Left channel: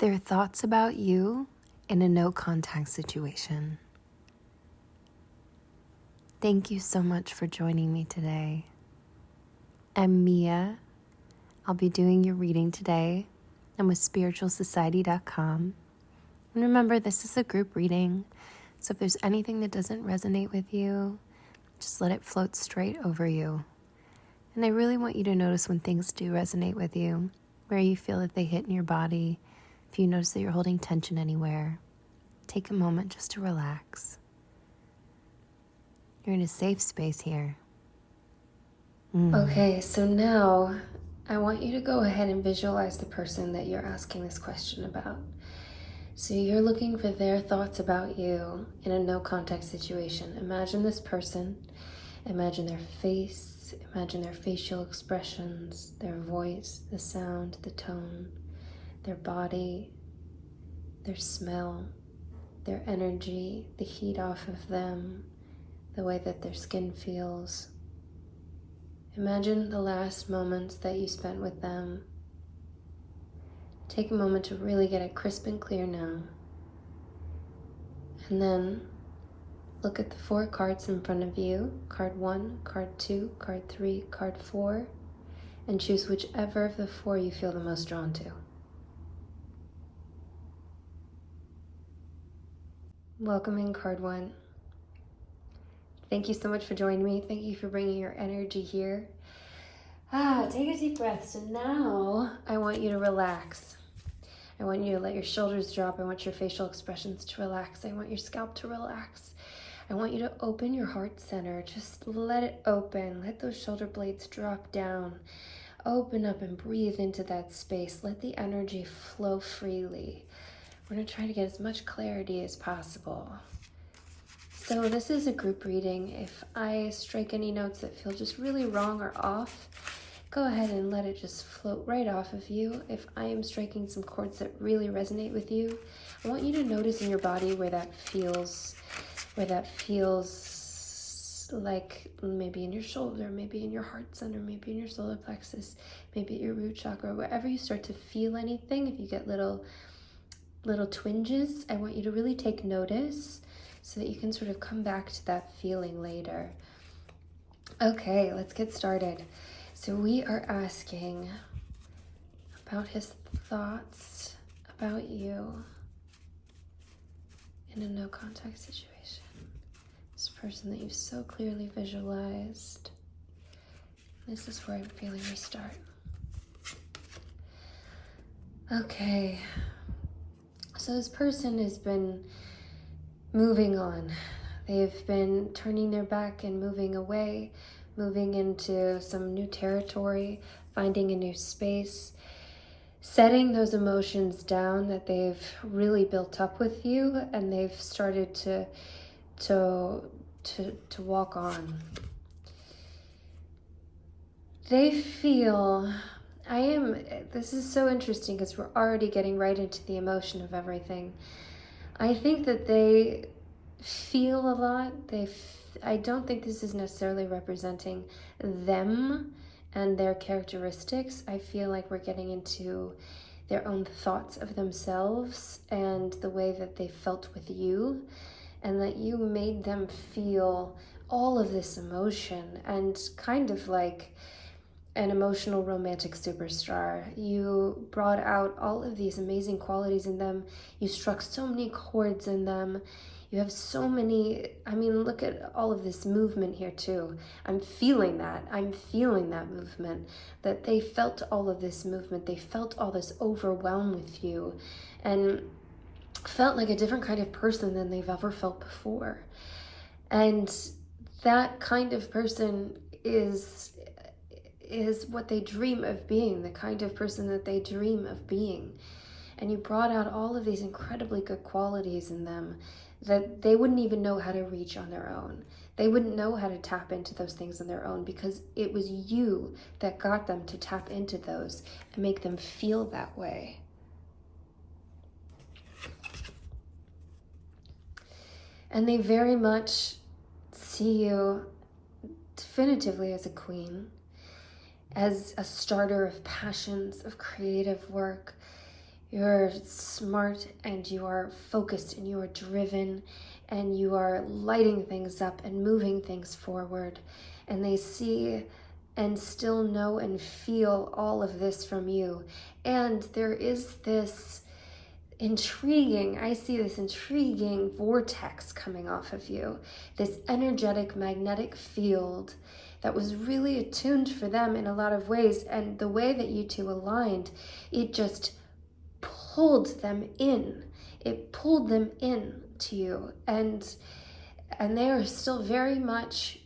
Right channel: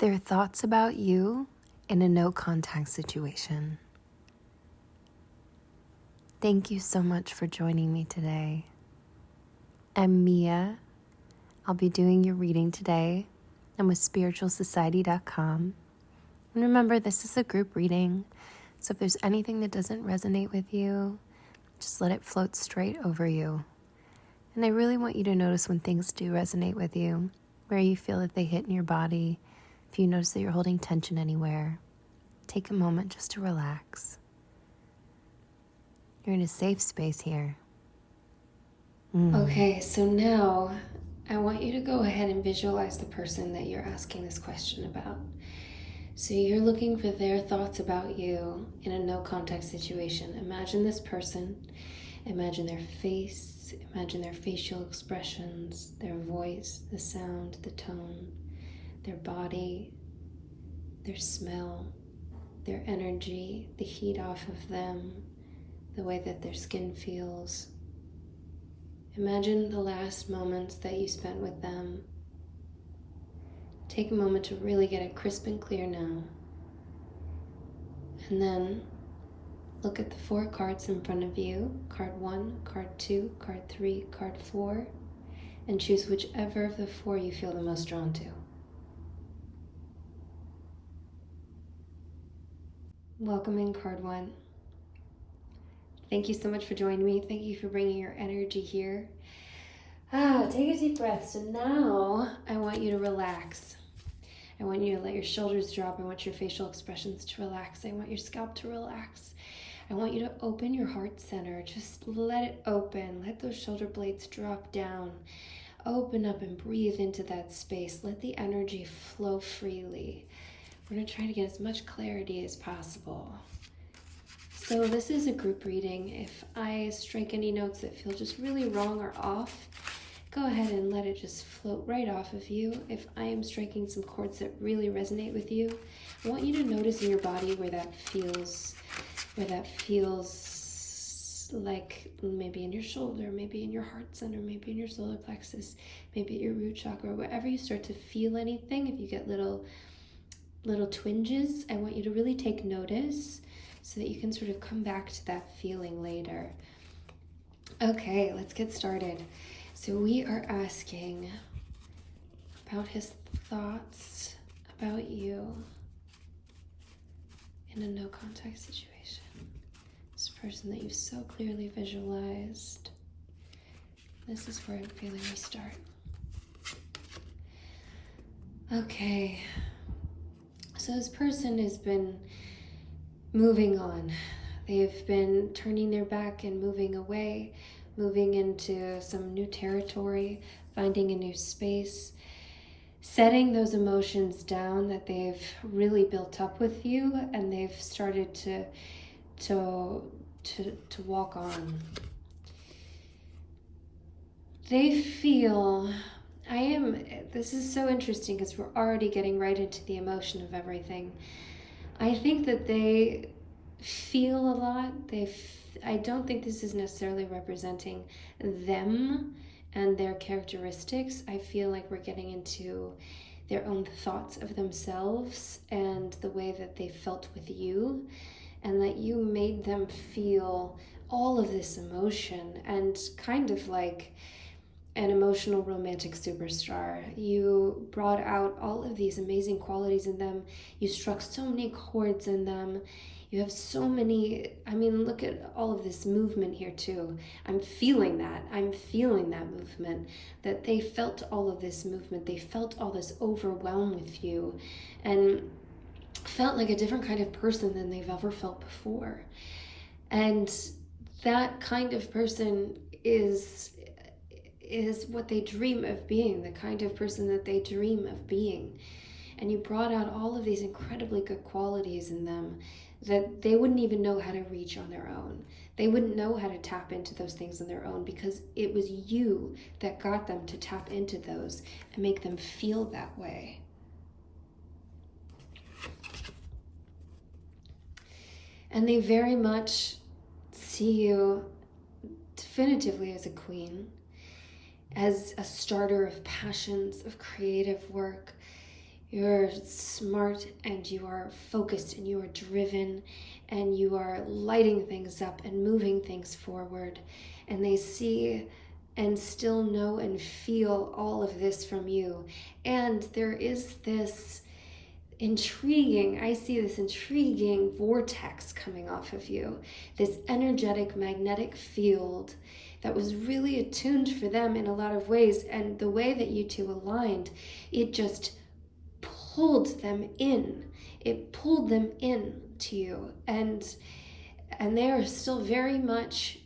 Their thoughts about you in a no contact situation. Thank you so much for joining me today. I'm Mia. I'll be doing your reading today. I'm with spiritualsociety.com. And remember, this is a group reading, so if there's anything that doesn't resonate with you, just let it float straight over you. And I really want you to notice when things do resonate with you, where you feel that they hit in your body. If you notice that you're holding tension anywhere, take a moment just to relax. You're in a safe space here. Okay, so now I want you to go ahead and visualize the person that you're asking this question about. So you're looking for their thoughts about you in a no contact situation. Imagine this person, imagine their face, imagine their facial expressions, their voice, the sound, the tone, their body, their smell, their energy, the heat off of them, the way that their skin feels. Imagine the last moments that you spent with them. Take a moment to really get it crisp and clear now. And then look at the 4 cards in front of you, card 1, card 2, card 3, card 4, and choose whichever of the 4 you feel the most drawn to. Welcome in card 1. Thank you so much for joining me. Thank you for bringing your energy here. Take a deep breath. So now I want you to relax. I want you to let your shoulders drop. I want your facial expressions to relax. I want your scalp to relax. I want you to open your heart center. Just let it open. Let those shoulder blades drop down. Open up and breathe into that space. Let the energy flow freely. We're going to try to get as much clarity as possible. So this is a group reading. If I strike any notes that feel just really wrong or off, go ahead and let it just float right off of you. If I am striking some chords that really resonate with you, I want you to notice in your body where that feels like maybe in your shoulder, maybe in your heart center, maybe in your solar plexus, maybe at your root chakra, wherever you start to feel anything. If you get little twinges, I want you to really take notice so that you can sort of come back to that feeling later. Okay, let's get started. So we are asking about his thoughts about you in a no contact situation. This person that you've so clearly visualized. This is where I'm feeling we start. Okay, so this person has been moving on. They've been turning their back and moving away, moving into some new territory, finding a new space, setting those emotions down that they've really built up with you, and they've started to walk on. They feel, this is so interesting because we're already getting right into the emotion of everything. I think that they feel a lot. I don't think this is necessarily representing them and their characteristics. I feel like we're getting into their own thoughts of themselves and the way that they felt with you, and that you made them feel all of this emotion, and kind of like an emotional romantic superstar. You brought out all of these amazing qualities in them. You struck so many chords in them. You have so many, look at all of this movement here too. I'm feeling that movement, that they felt all of this movement. They felt all this overwhelm with you and felt like a different kind of person than they've ever felt before. And that kind of person is what they dream of being, the kind of person that they dream of being. And you brought out all of these incredibly good qualities in them that they wouldn't even know how to reach on their own. They wouldn't know how to tap into those things on their own, because it was you that got them to tap into those and make them feel that way. And they very much see you definitively as a queen, as a starter of passions, of creative work. You're smart and you are focused and you are driven and you are lighting things up and moving things forward. And they see and still know and feel all of this from you. And there is this I see this intriguing vortex coming off of you, this energetic magnetic field that was really attuned for them in a lot of ways. And the way that you two aligned, it just pulled them in. It pulled them in to you. And they are still very much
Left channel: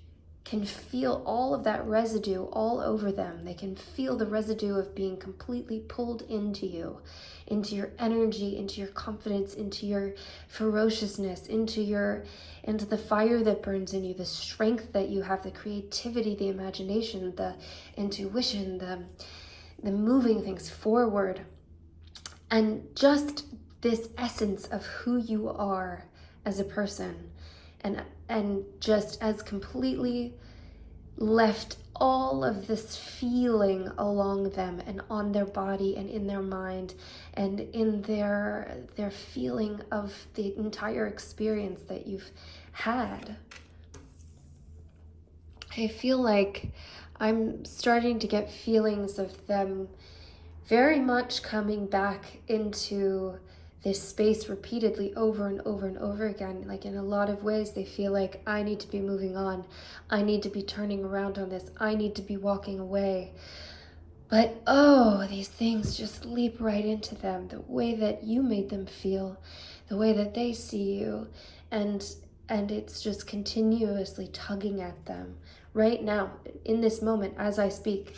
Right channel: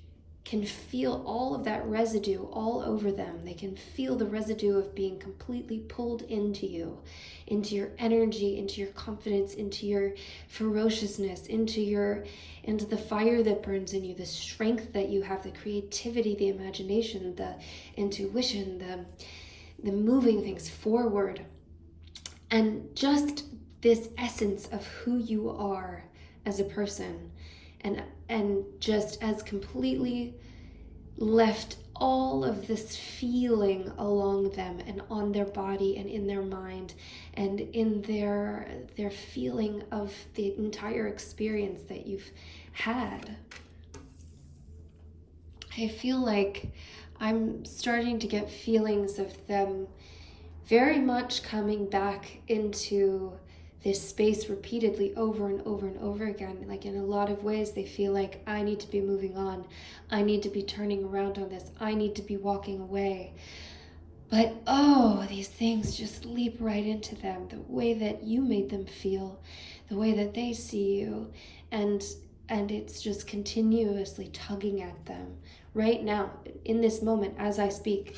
can feel all of that residue all over them. They can feel the residue of being completely pulled into you, into your energy, into your confidence, into your ferociousness, into the fire that burns in you, the strength that you have, the creativity, the imagination, the intuition, the moving things forward. And just this essence of who you are as a person, and just as completely left all of this feeling along them and on their body and in their mind and in their feeling of the entire experience that you've had. I feel like I'm starting to get feelings of them very much coming back into this space repeatedly over and over and over again. Like in a lot of ways, they feel like, I need to be moving on. I need to be turning around on this. I need to be walking away. But these things just leap right into them. The way that you made them feel, the way that they see you, and it's just continuously tugging at them right now, in this moment, as I speak.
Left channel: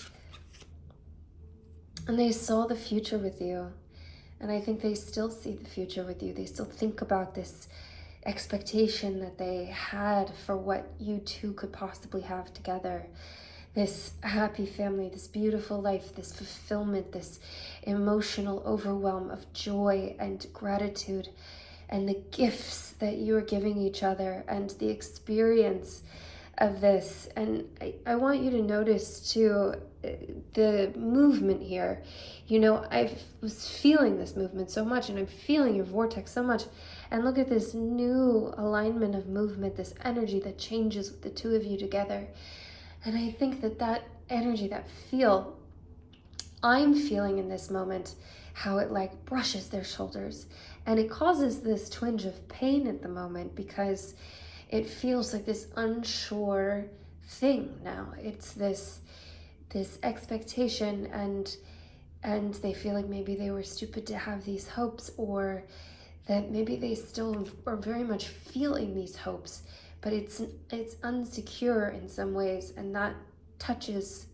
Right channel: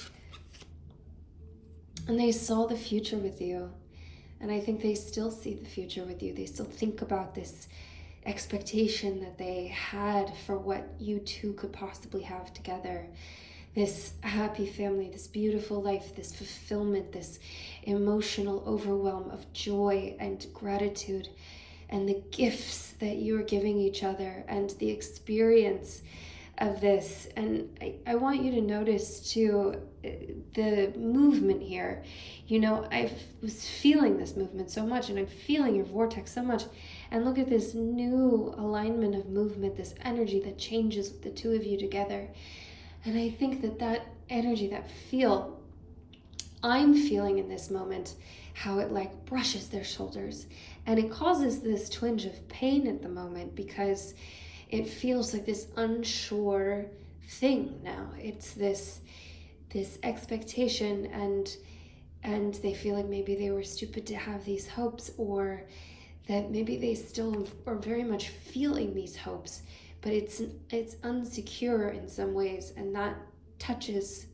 And they saw the future with you. And I think they still see the future with you. They still think about this expectation that they had for what you two could possibly have together. This happy family, this beautiful life, this fulfillment, this emotional overwhelm of joy and gratitude, and the gifts that you are giving each other, and the experience of this. And I want you to notice too the movement here. I was feeling this movement so much, and I'm feeling your vortex so much. And look at this new alignment of movement, this energy that changes the two of you together. And I think that energy, that feel, I'm feeling in this moment, how it like brushes their shoulders. And it causes this twinge of pain at the moment, because it feels like this unsure thing now. It's this expectation, and they feel like maybe they were stupid to have these hopes, or that maybe they still are very much feeling these hopes, but it's unsecure in some ways, and that touches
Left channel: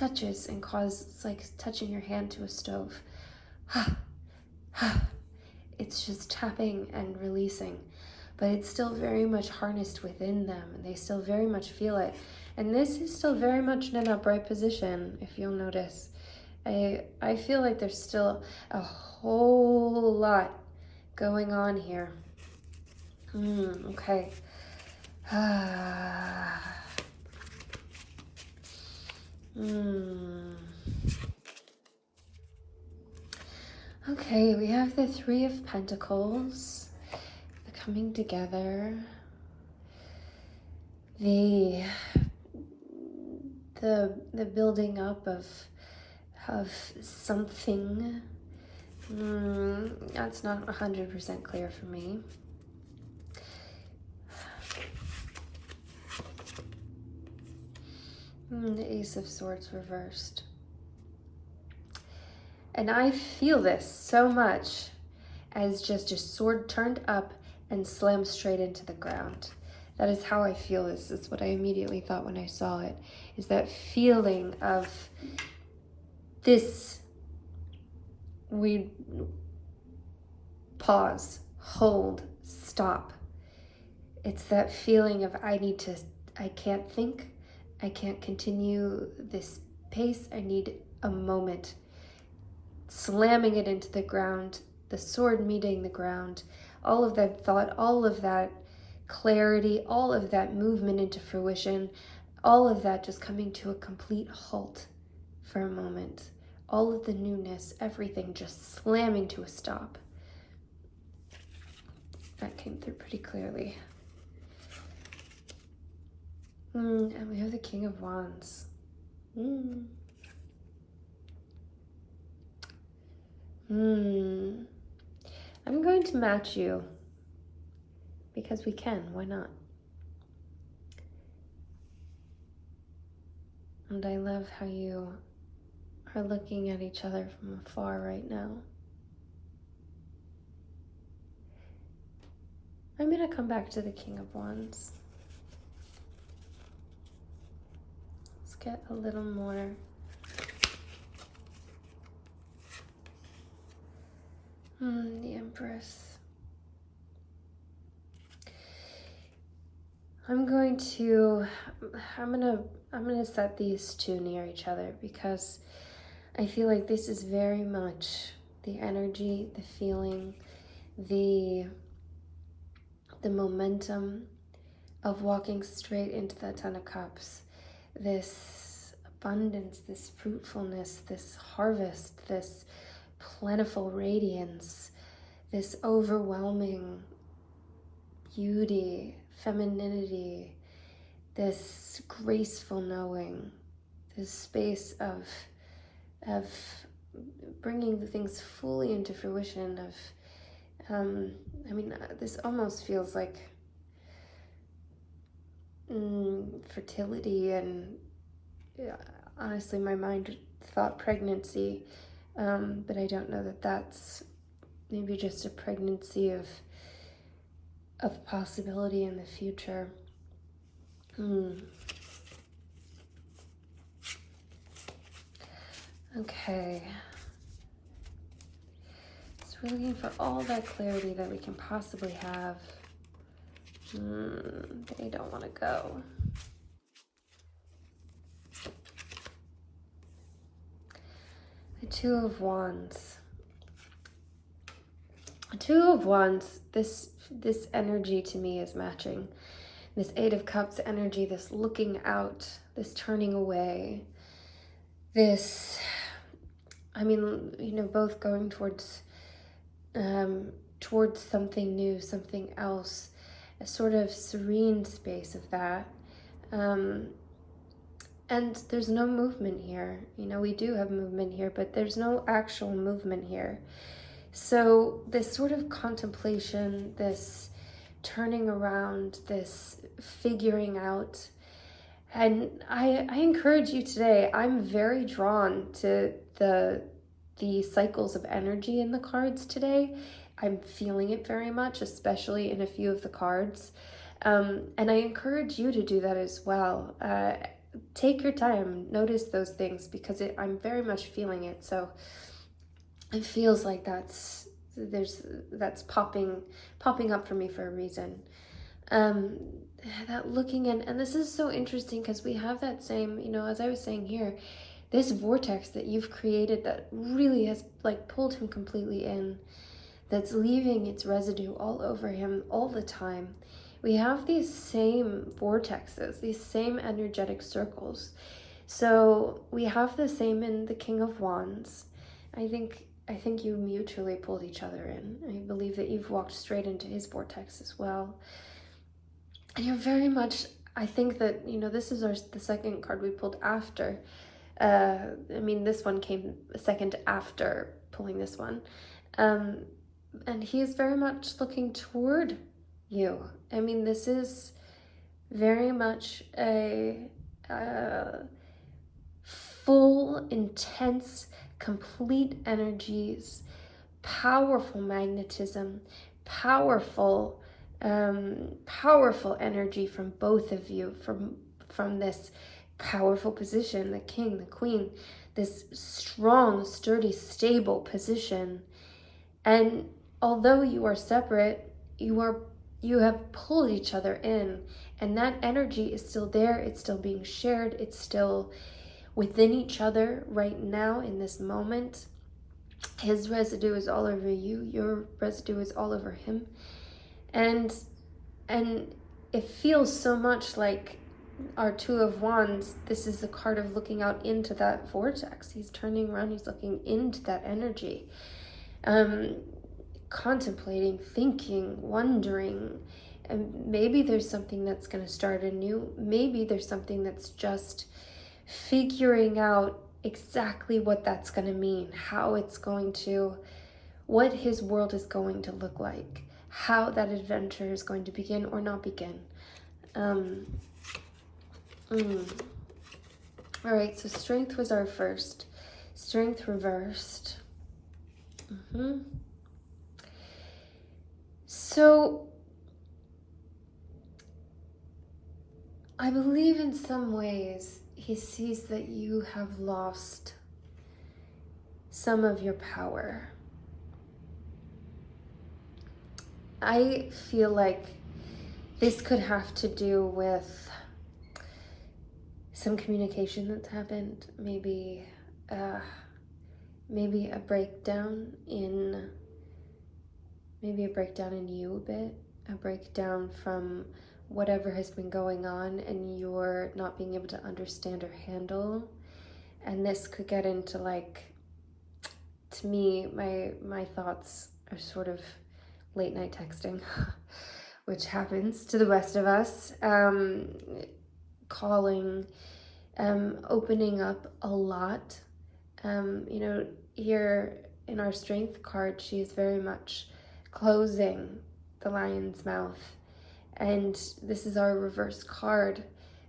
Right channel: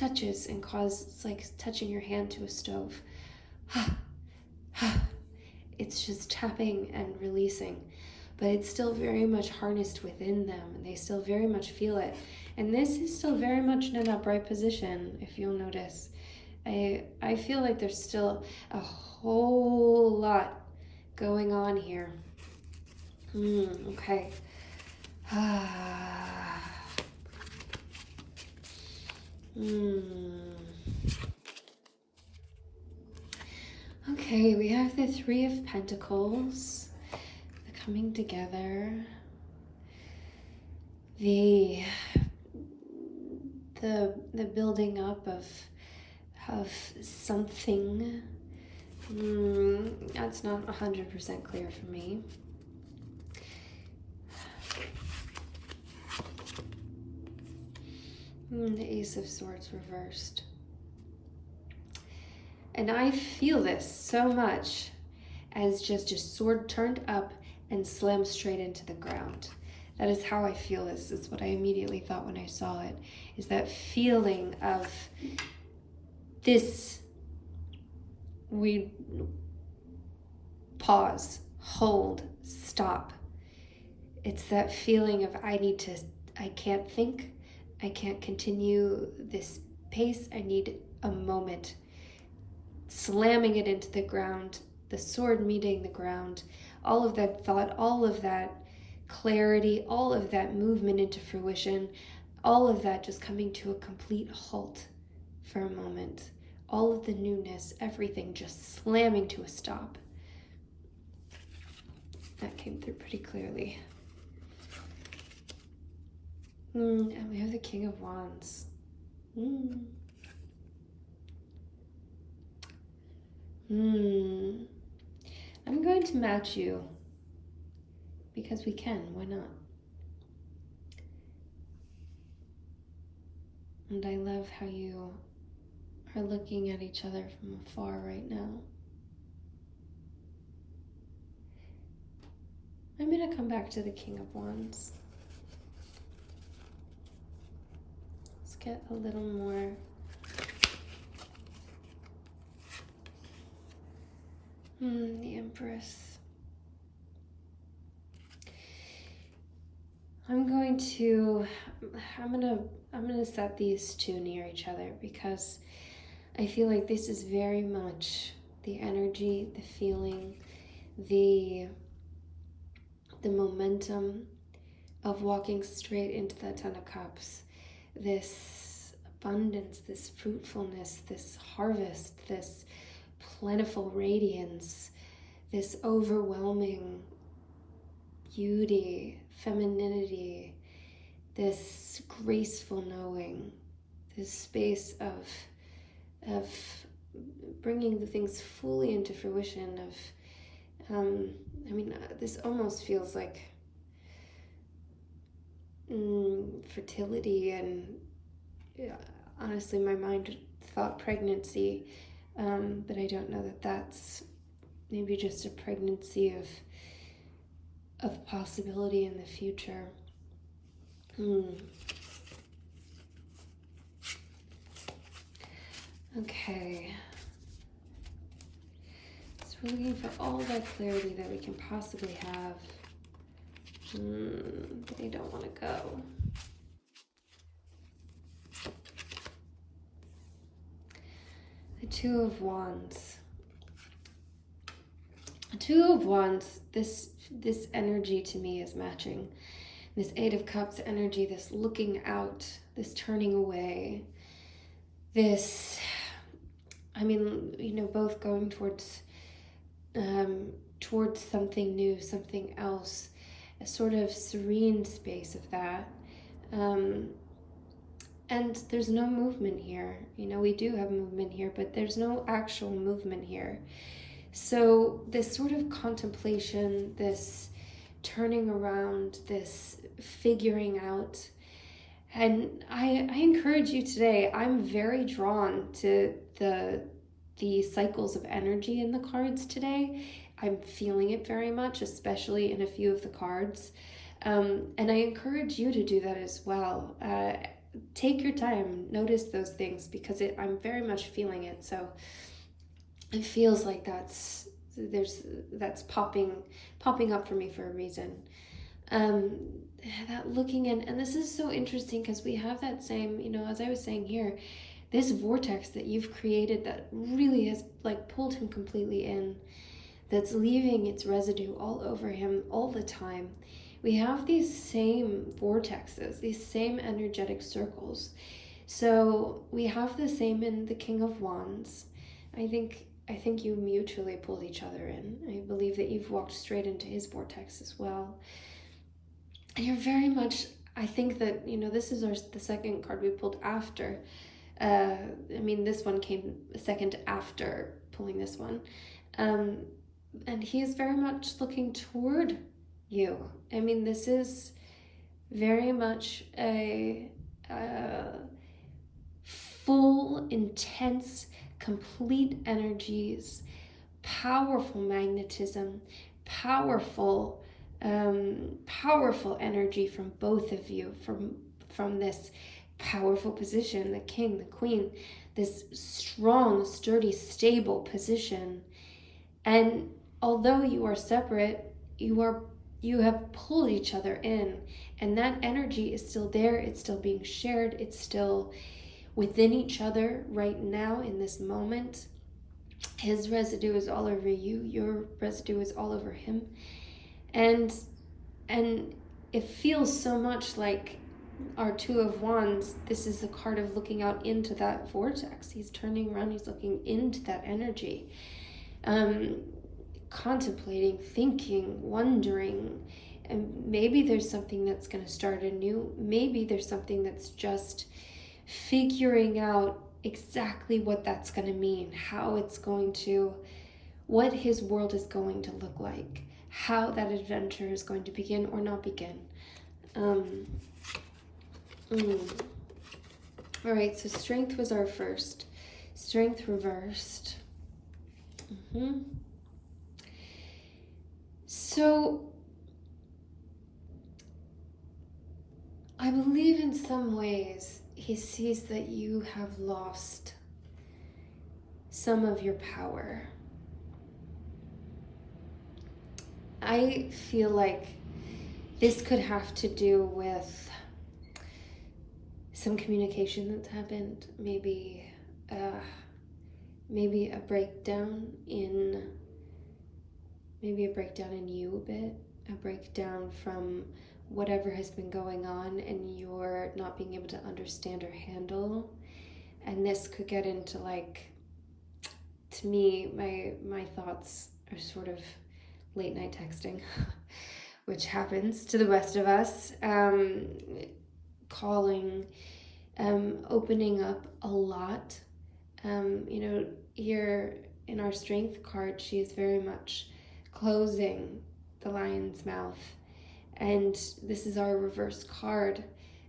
and causes, it's like touching your hand to a stove. It's just tapping and releasing, but it's still very much harnessed within them, and they still very much feel it. And this is still very much in an upright position, if you'll notice. I feel like there's still a whole lot going on here. Okay. Okay, we have the Three of Pentacles, the coming together, the building up of something. That's not 100% clear for me. The Ace of Swords reversed. And I feel this so much as just a sword turned up and slammed straight into the ground. That is how I feel this. It's what I immediately thought when I saw it, is that feeling of this. We pause, hold, stop. It's that feeling of I can't think, I can't continue this pace, I need a moment. Slamming it into the ground, the sword meeting the ground, all of that thought, all of that clarity, all of that movement into fruition, all of that just coming to a complete halt for a moment. all of the newness, everything just slamming to a stop. That came through pretty clearly. And we have the King of Wands. I'm going to match you because we can. Why not? And I love how you are looking at each other from afar right now. I'm going to come back to the King of Wands. Let's get a little more. The Empress. I'm gonna set these two near each other because I feel like this is very much the energy, the feeling, the momentum of walking straight into the Ten of Cups. This abundance, this fruitfulness, this harvest, this plentiful radiance, this overwhelming beauty, femininity, this graceful knowing, this space of bringing the things fully into fruition, this almost feels like fertility, and honestly my mind thought pregnancy, but I don't know that that's maybe just a pregnancy of possibility in the future. Okay. So we're looking for all that clarity that we can possibly have. They don't want to go. The Two of Wands. The Two of Wands, this energy to me is matching. This Eight of Cups energy, this looking out, this turning away, this, both going towards something new, something else, a sort of serene space of that. And there's no movement here. We do have movement here, but there's no actual movement here. So this sort of contemplation, this turning around, this figuring out. And I encourage you today, I'm very drawn to the cycles of energy in the cards today. I'm feeling it very much, especially in a few of the cards. And I encourage you to do that as well. Take your time, notice those things, because I'm very much feeling it. So it feels like that's popping up for me for a reason. That looking in, and this is so interesting because we have that same, as I was saying here, this vortex that you've created that really has pulled him completely in, that's leaving its residue all over him all the time. We have these same vortexes, these same energetic circles. So we have the same in the King of Wands. I think you mutually pulled each other in. I believe that you've walked straight into his vortex as well. And you're very much, I think that, this is the second card we pulled after. This one came a second after pulling this one. And he is very much looking toward you. This is very much a full, intense, complete energies, powerful magnetism, powerful energy from both of you, from this powerful position, the king, the queen, this strong, sturdy, stable position. And although you are separate, you have pulled each other in, and that energy is still there. It's still being shared. It's still within each other right now in this moment. His residue is all over you. Your residue is all over him. And it feels so much like our Two of Wands, this is the card of looking out into that vortex. He's turning around, he's looking into that energy. Contemplating, thinking, wondering, and maybe there's something that's going to start anew. Maybe there's something that's just figuring out exactly what that's going to mean, how it's going to, what his world is going to look like, how that adventure is going to begin or not begin. All right, so Strength was our first. Strength reversed. So I believe in some ways he sees that you have lost some of your power. I feel like this could have to do with some communication that's happened, maybe a breakdown in you a bit, a breakdown from whatever has been going on and you're not being able to understand or handle. And this could get into, like, to me, my thoughts are sort of late night texting, which happens to the rest of us, calling, opening up a lot. Here in our Strength card, she's very much closing the lion's mouth. And this is our reverse card.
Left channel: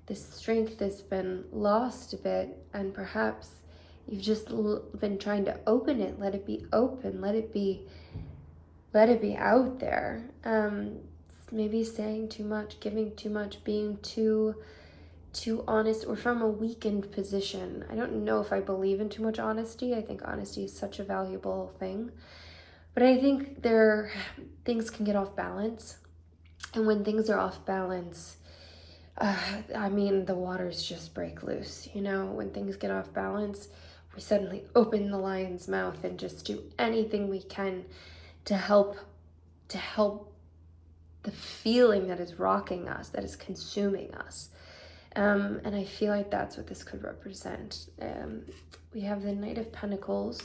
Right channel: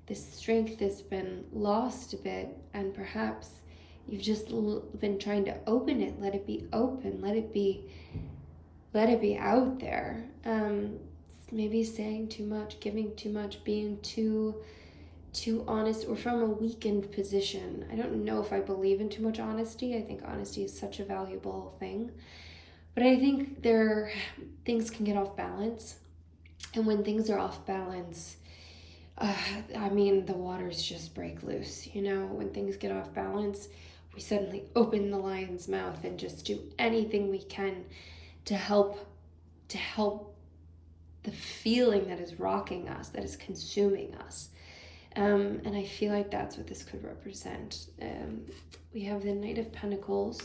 This strength has been lost a bit, and perhaps you've just been trying to open it, let it be open, let it be out there. Maybe saying too much, giving too much, being too honest, or from a weakened position. I don't know if I believe in too much honesty. I think honesty is such a valuable thing. But I think things can get off balance. And when things are off balance, the waters just break loose. When things get off balance, we suddenly open the lion's mouth and just do anything we can to help the feeling that is rocking us, that is consuming us. And I feel like that's what this could represent. We have the Knight of Pentacles.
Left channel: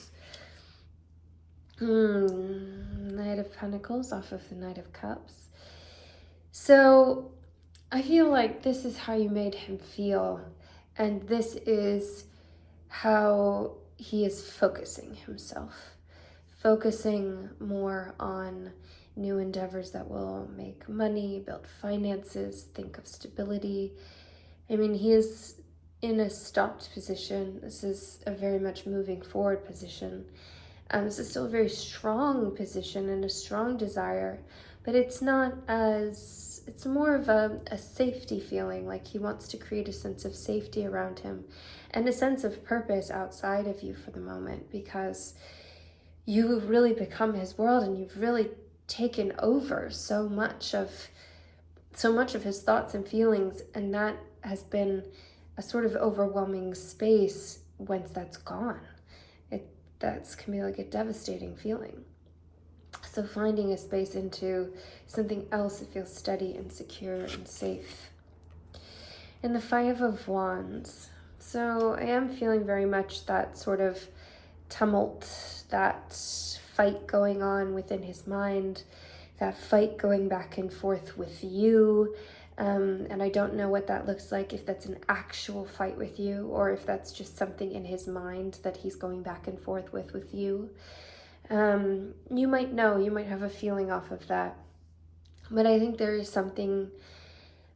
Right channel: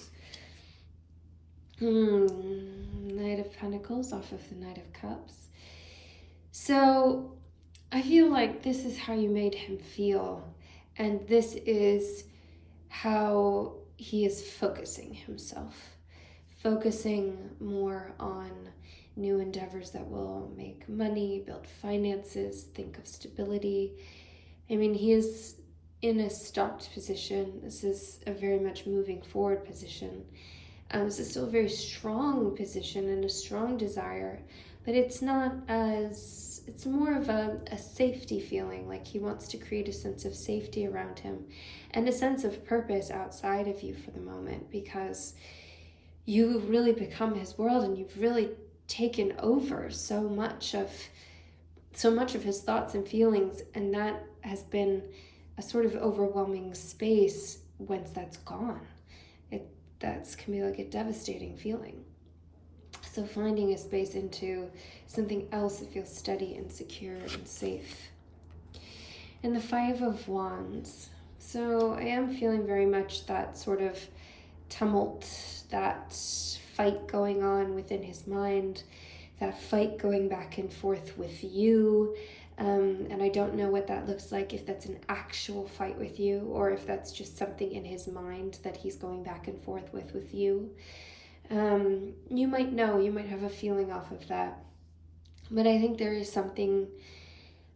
Knight of Pentacles off of the Knight of Cups. So I feel like this is how you made him feel. And this is how he is focusing himself. Focusing more on new endeavors that will make money, build finances, think of stability. He is in a stopped position. This is a very much moving forward position. This is still a very strong position and a strong desire, but it's more of a safety feeling, like he wants to create a sense of safety around him and a sense of purpose outside of you for the moment, because you've really become his world and you've really taken over so much of his thoughts and feelings, and that has been a sort of overwhelming space once that's gone. That can be like a devastating feeling. So finding a space into something else that feels steady and secure and safe. And the Five of Wands. So I am feeling very much that sort of tumult, that fight going on within his mind, that fight going back and forth with you. And I don't know what that looks like, if that's an actual fight with you or if that's just something in his mind that he's going back and forth with you. You might have a feeling off of that. But I think there is something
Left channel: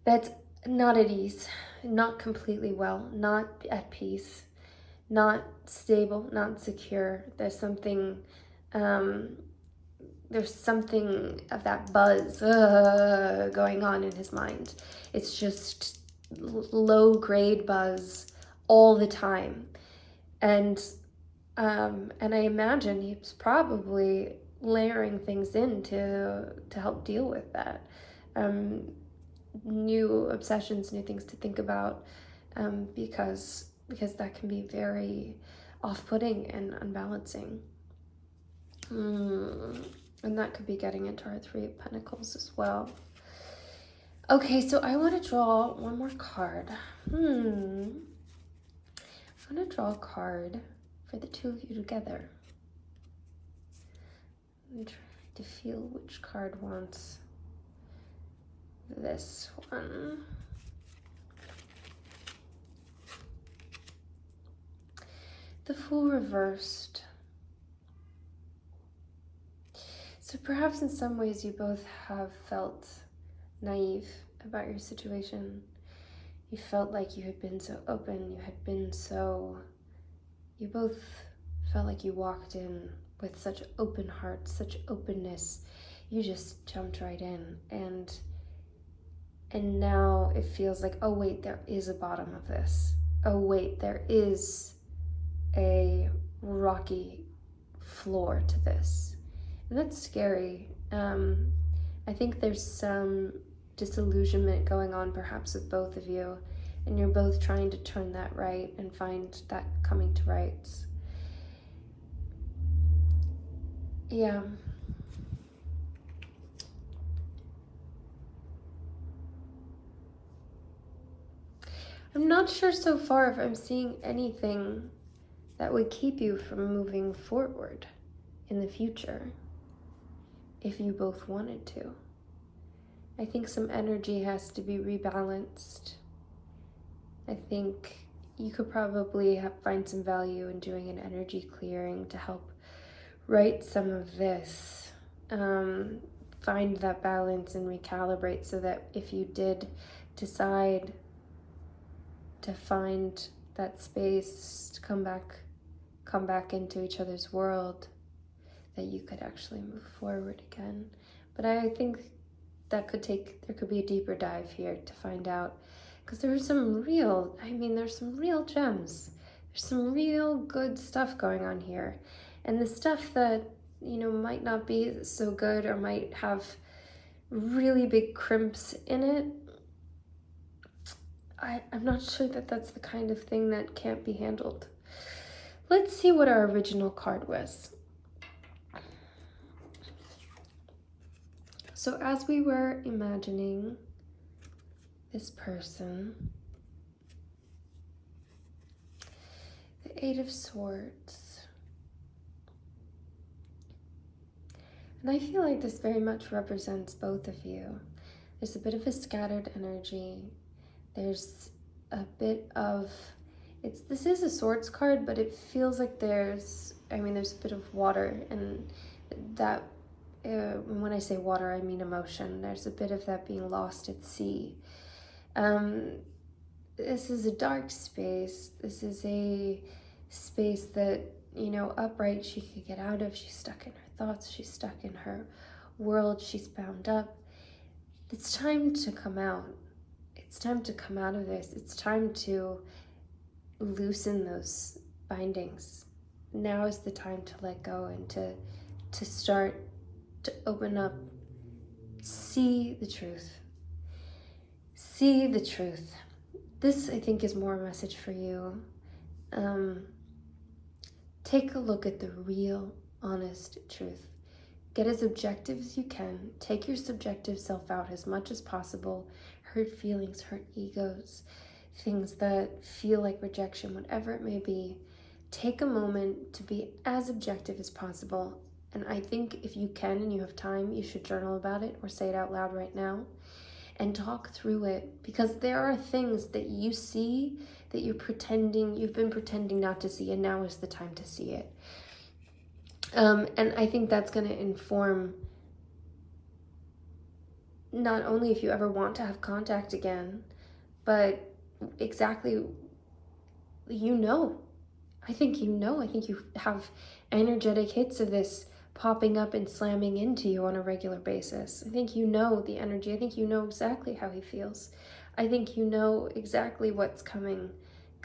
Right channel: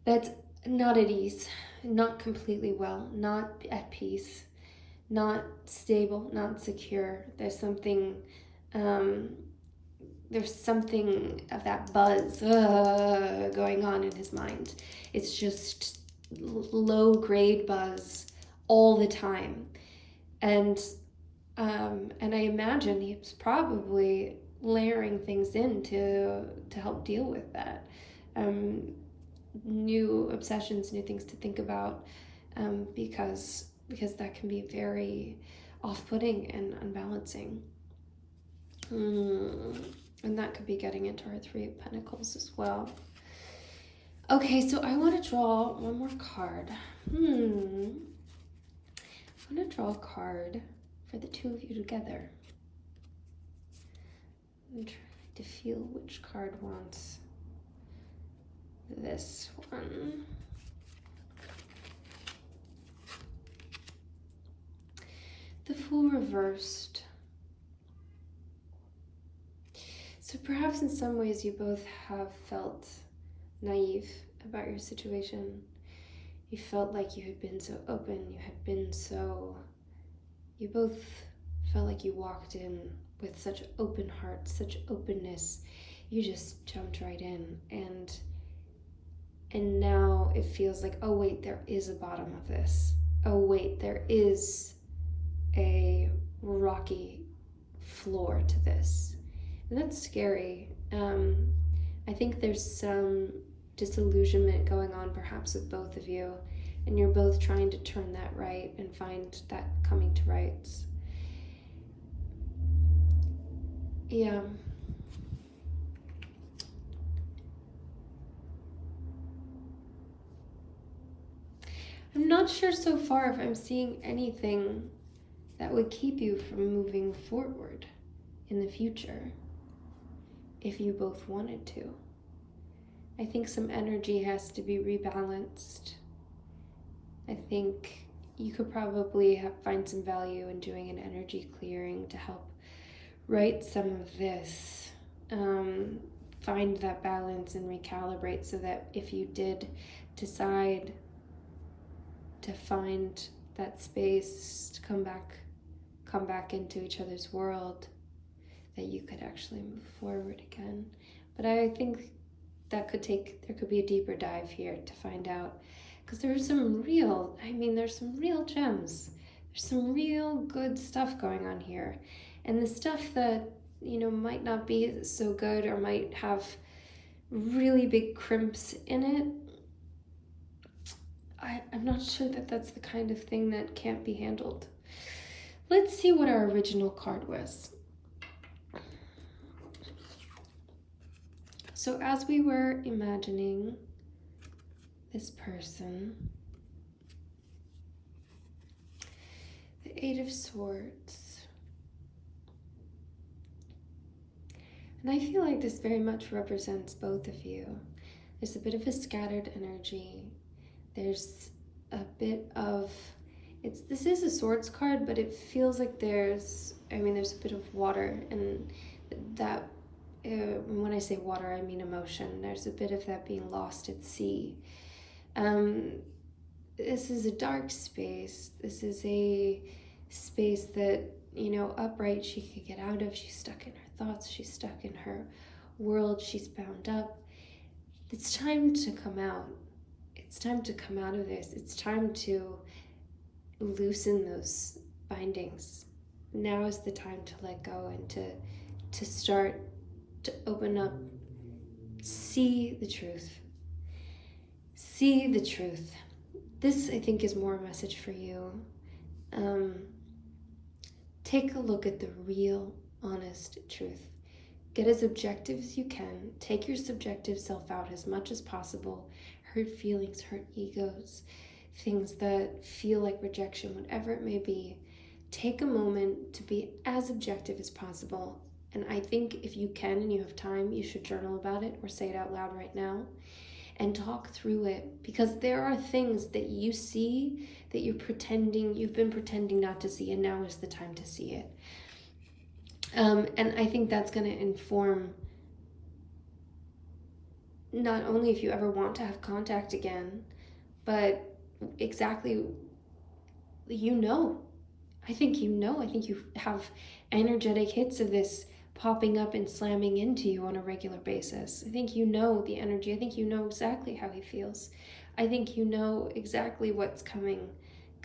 that's not at ease, not completely well, not at peace, not stable, not secure. There's something of that buzz going on in his mind. It's just low grade buzz all the time. And I imagine he's probably layering things in to help deal with that. New obsessions, new things to think about, because that can be very off-putting and unbalancing. And that could be getting into our Three of Pentacles as well. Okay, so I want to draw one more card. I'm going to draw a card for the two of you together. I'm trying to feel which card wants this one. The Fool reversed. So perhaps in some ways you both have felt naive about your situation. You felt like you had been so open, you both felt like you walked in with such open hearts, such openness. You just jumped right in, and now it feels like, oh wait, there is a bottom of this. Oh wait, there is a rocky floor to this. And that's scary. I think there's some disillusionment going on perhaps with both of you, and you're both trying to turn that right and find that coming to rights. Yeah. I'm not sure so far if I'm seeing anything that would keep you from moving forward in the future if you both wanted to. I think some energy has to be rebalanced. I think you could probably find some value in doing an energy clearing to help right some of this. Find that balance and recalibrate so that if you did decide to find that space to come back into each other's world, that you could actually move forward again. But I think there could be a deeper dive here to find out, because there's some real gems. There's some real good stuff going on here. And the stuff that, might not be so good or might have really big crimps in it, I'm not sure that that's the kind of thing that can't be handled. Let's see what our original card was. So as we were imagining this person, the Eight of Swords, and I feel like this very much represents both of you. There's a bit of a scattered energy. There's a bit of, this is a swords card, but it feels like there's a bit of water, and that, when I say water, I mean emotion. There's a bit of that being lost at sea. This is a dark space. This is a space that, upright she could get out of. She's stuck in her thoughts. She's stuck in her world. She's bound up. It's time to come out. It's time to come out of this. It's time to loosen those bindings. Now is the time to let go and to start to open up. See the truth. See the truth. This, I think, is more a message for you. Take a look at the real, honest truth. Get as objective as you can. Take your subjective self out as much as possible. Hurt feelings, hurt egos, things that feel like rejection, whatever it may be. Take a moment to be as objective as possible. And I think if you can and you have time, you should journal about it or say it out loud right now and talk through it, because there are things that you see that you've been pretending not to see, and now is the time to see it. And I think that's going to inform not only if you ever want to have contact again, but exactly, I think you have energetic hits of this popping up and slamming into you on a regular basis. I think you know the energy. I think you know exactly how he feels. I think you know exactly what's coming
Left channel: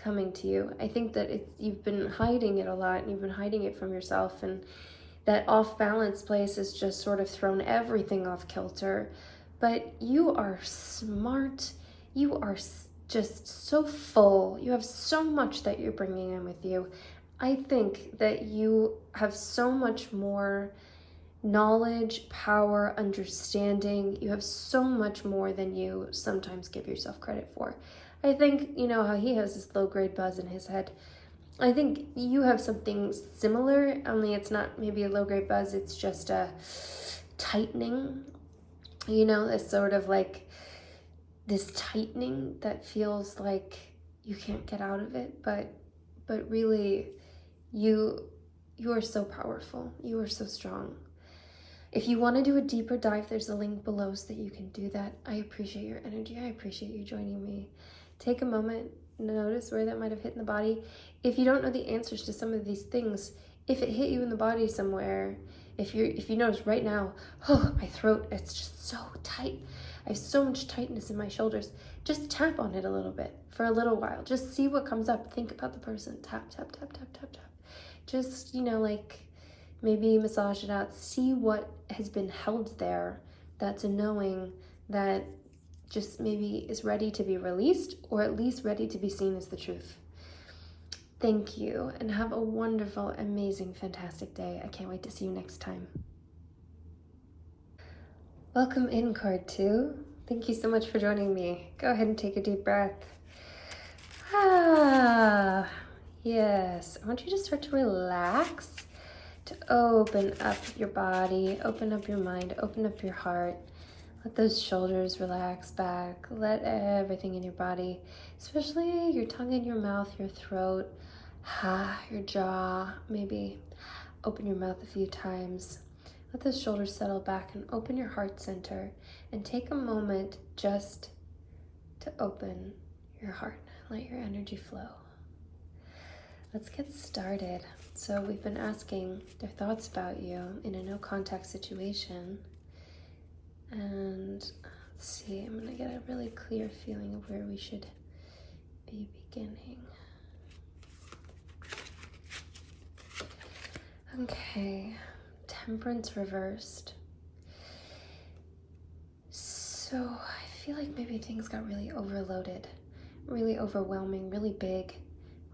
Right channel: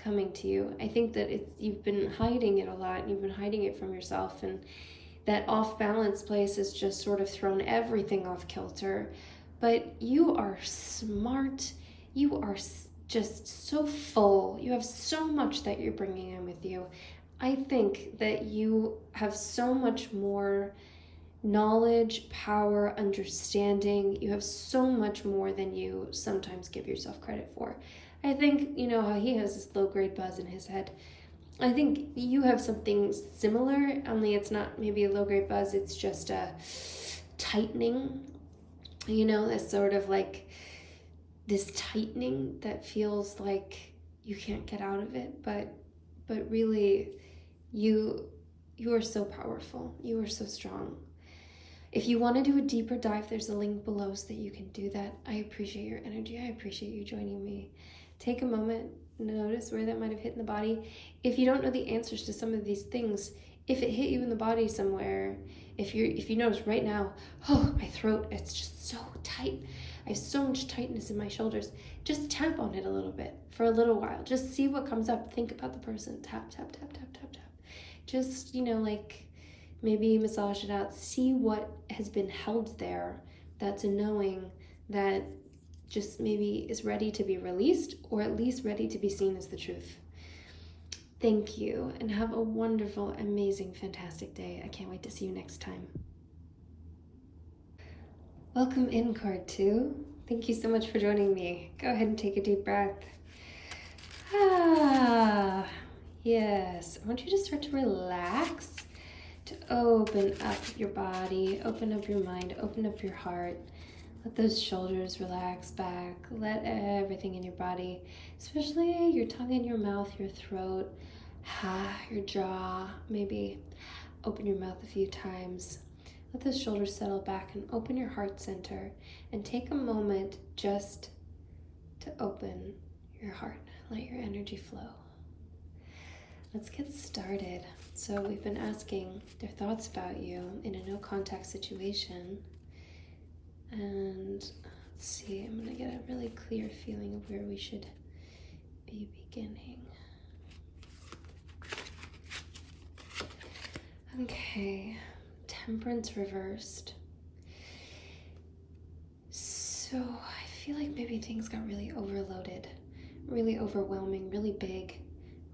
to you. I think that you've been hiding it a lot, and you've been hiding it from yourself, and that off-balance place has just sort of thrown everything off kilter. But you are smart. You are just so full. You have so much that you're bringing in with you. I think that you have so much more knowledge, power, understanding. You have so much more than you sometimes give yourself credit for. I think, you know, how he has this low-grade buzz in his head. I think you have something similar, only it's not maybe a low-grade buzz, it's just a tightening, you know, this sort of like this tightening that feels like you can't get out of it, but really you are so powerful. You are so strong. If you want to do a deeper dive, there's a link below so that you can do that. I appreciate your energy. I appreciate you joining me. Take a moment, notice where that might have hit in the body. If you don't know the answers to some of these things, if it hit you in the body somewhere, if you notice right now, oh, my throat, it's just so tight. I have so much tightness in my shoulders. Just tap on it a little bit for a little while. Just see what comes up. Think about the person. Tap, tap, tap, tap, tap, tap. Just, you know, like maybe massage it out. See what has been held there. That's a knowing that just maybe is ready to be released, or at least ready to be seen as the truth. Thank you, and have a wonderful, amazing, fantastic day. I can't wait to see you next time. Welcome in, card 2. Thank you so much for joining me. Go ahead and take a deep breath. Yes. I want you to start to relax, to open up your body, open up your mind, open up your heart. Let those shoulders relax back. Let everything in your body, especially your tongue in your mouth, your throat, your jaw, maybe open your mouth a few times. Let those shoulders settle back and open your heart center, and take a moment just to open your heart. Let your energy flow. Let's get started. So we've been asking their thoughts about you in a no contact situation. And let's see, I'm going to get a really clear feeling of where we should be beginning. Okay, Temperance reversed. So I feel like maybe things got really overloaded, really overwhelming, really big,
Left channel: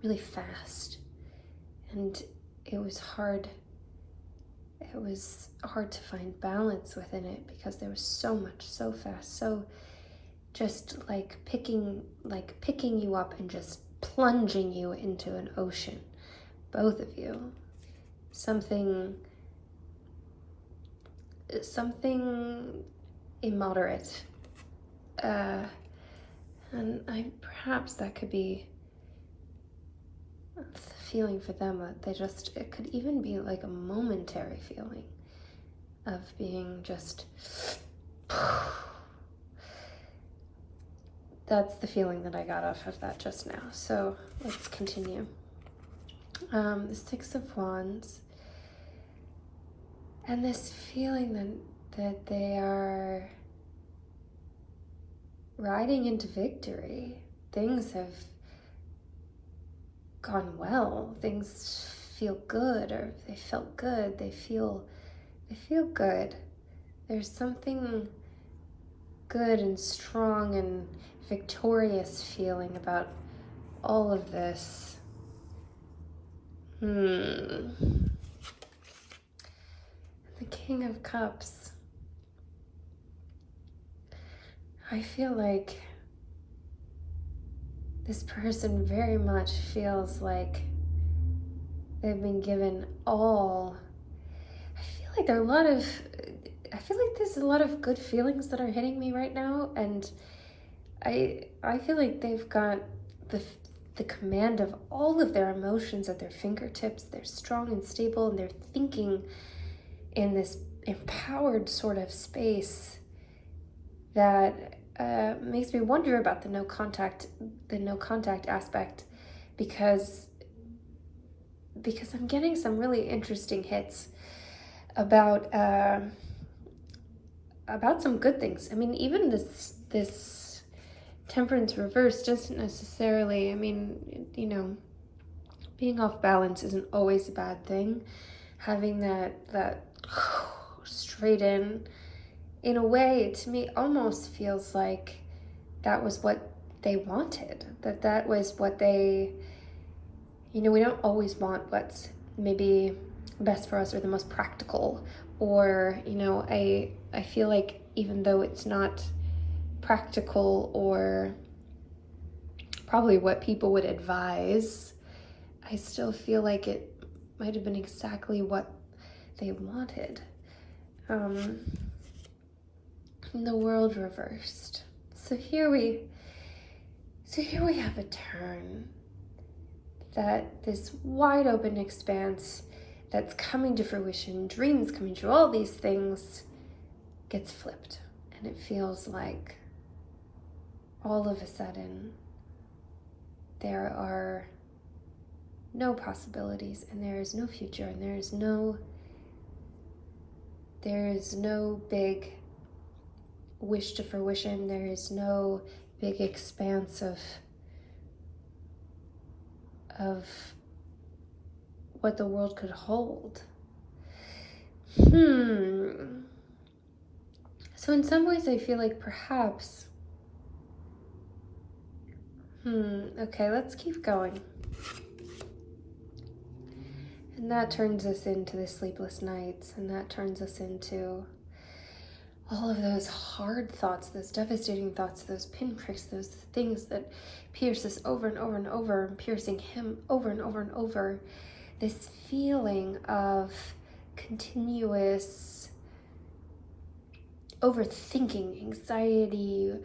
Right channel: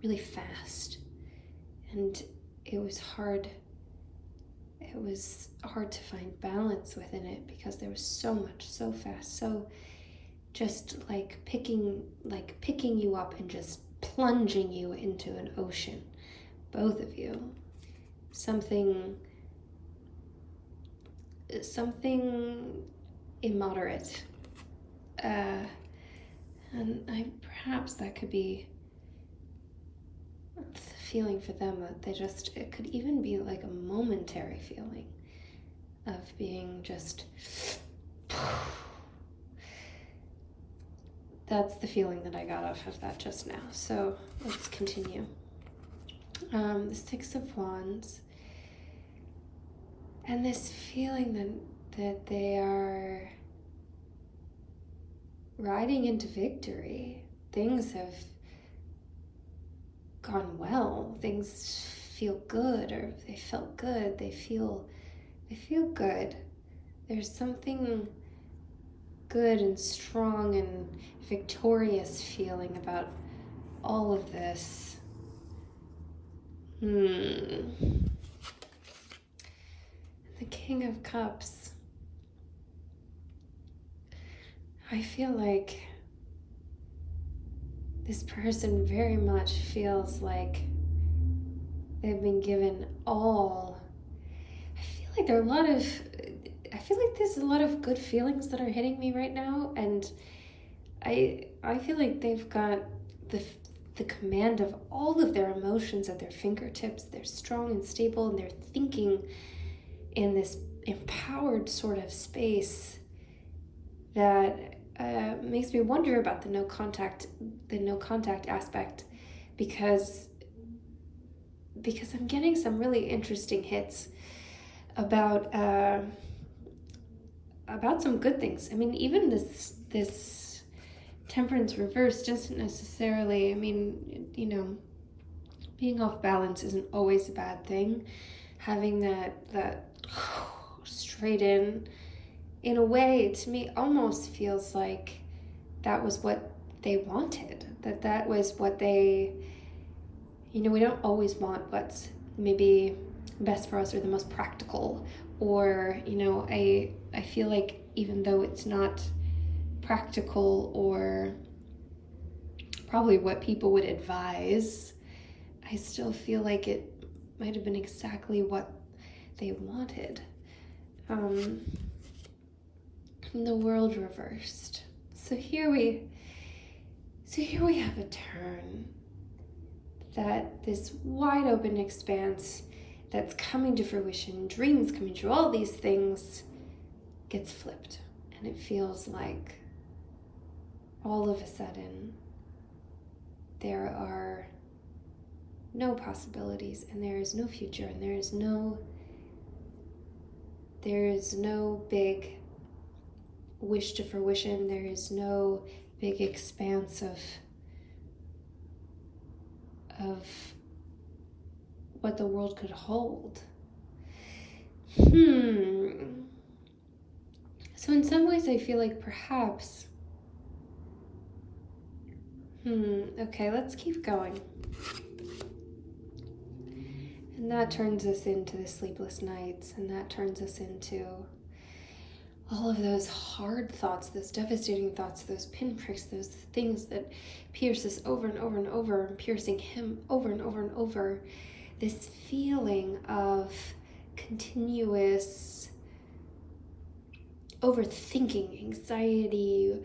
really fast. And it was hard to find balance within it, because there was so much, so fast, so just like picking you up and just plunging you into an ocean, both of you. Something immoderate, and perhaps that could be the feeling for them, that it could even be like a momentary feeling of being just, that's the feeling that I got off of that just now. So let's continue. The Six of Wands, and this feeling that they are riding into victory. Things have gone well. Things feel good, or they felt good. They feel good. There's something good and strong and victorious feeling about all of this. The King of Cups. I feel like this person very much feels like they've been given all. I feel like there's a lot of good feelings that are hitting me right now, and I feel like they've got the command of all of their emotions at their fingertips. They're strong and stable, and they're thinking in this empowered sort of space that makes me wonder about the no contact aspect, because I'm getting some really interesting hits about some good things. I mean, even this Temperance reverse doesn't necessarily, I mean, you know, being off balance isn't always a bad thing. Having that straight in a way, to me, almost feels like that was what they wanted. That was what they, you know, we don't always want what's maybe best for us or the most practical, or I feel like even though it's not practical or probably what people would advise, I still feel like it might have been exactly what they wanted. The world reversed. So here we have a turn, that this wide open expanse that's coming to fruition, dreams coming true, all these things gets flipped. And it feels like all of a sudden there are no possibilities, and there is no future, and there is no big wish to fruition. There is no big expanse of what the world could hold. So in some ways I feel like perhaps, okay, let's keep going. And that turns us into the sleepless nights, and that turns us into all of those hard thoughts, those devastating thoughts, those pinpricks, those things that pierce us over and over and over, piercing him over and over and over. This feeling of continuous overthinking, anxiety,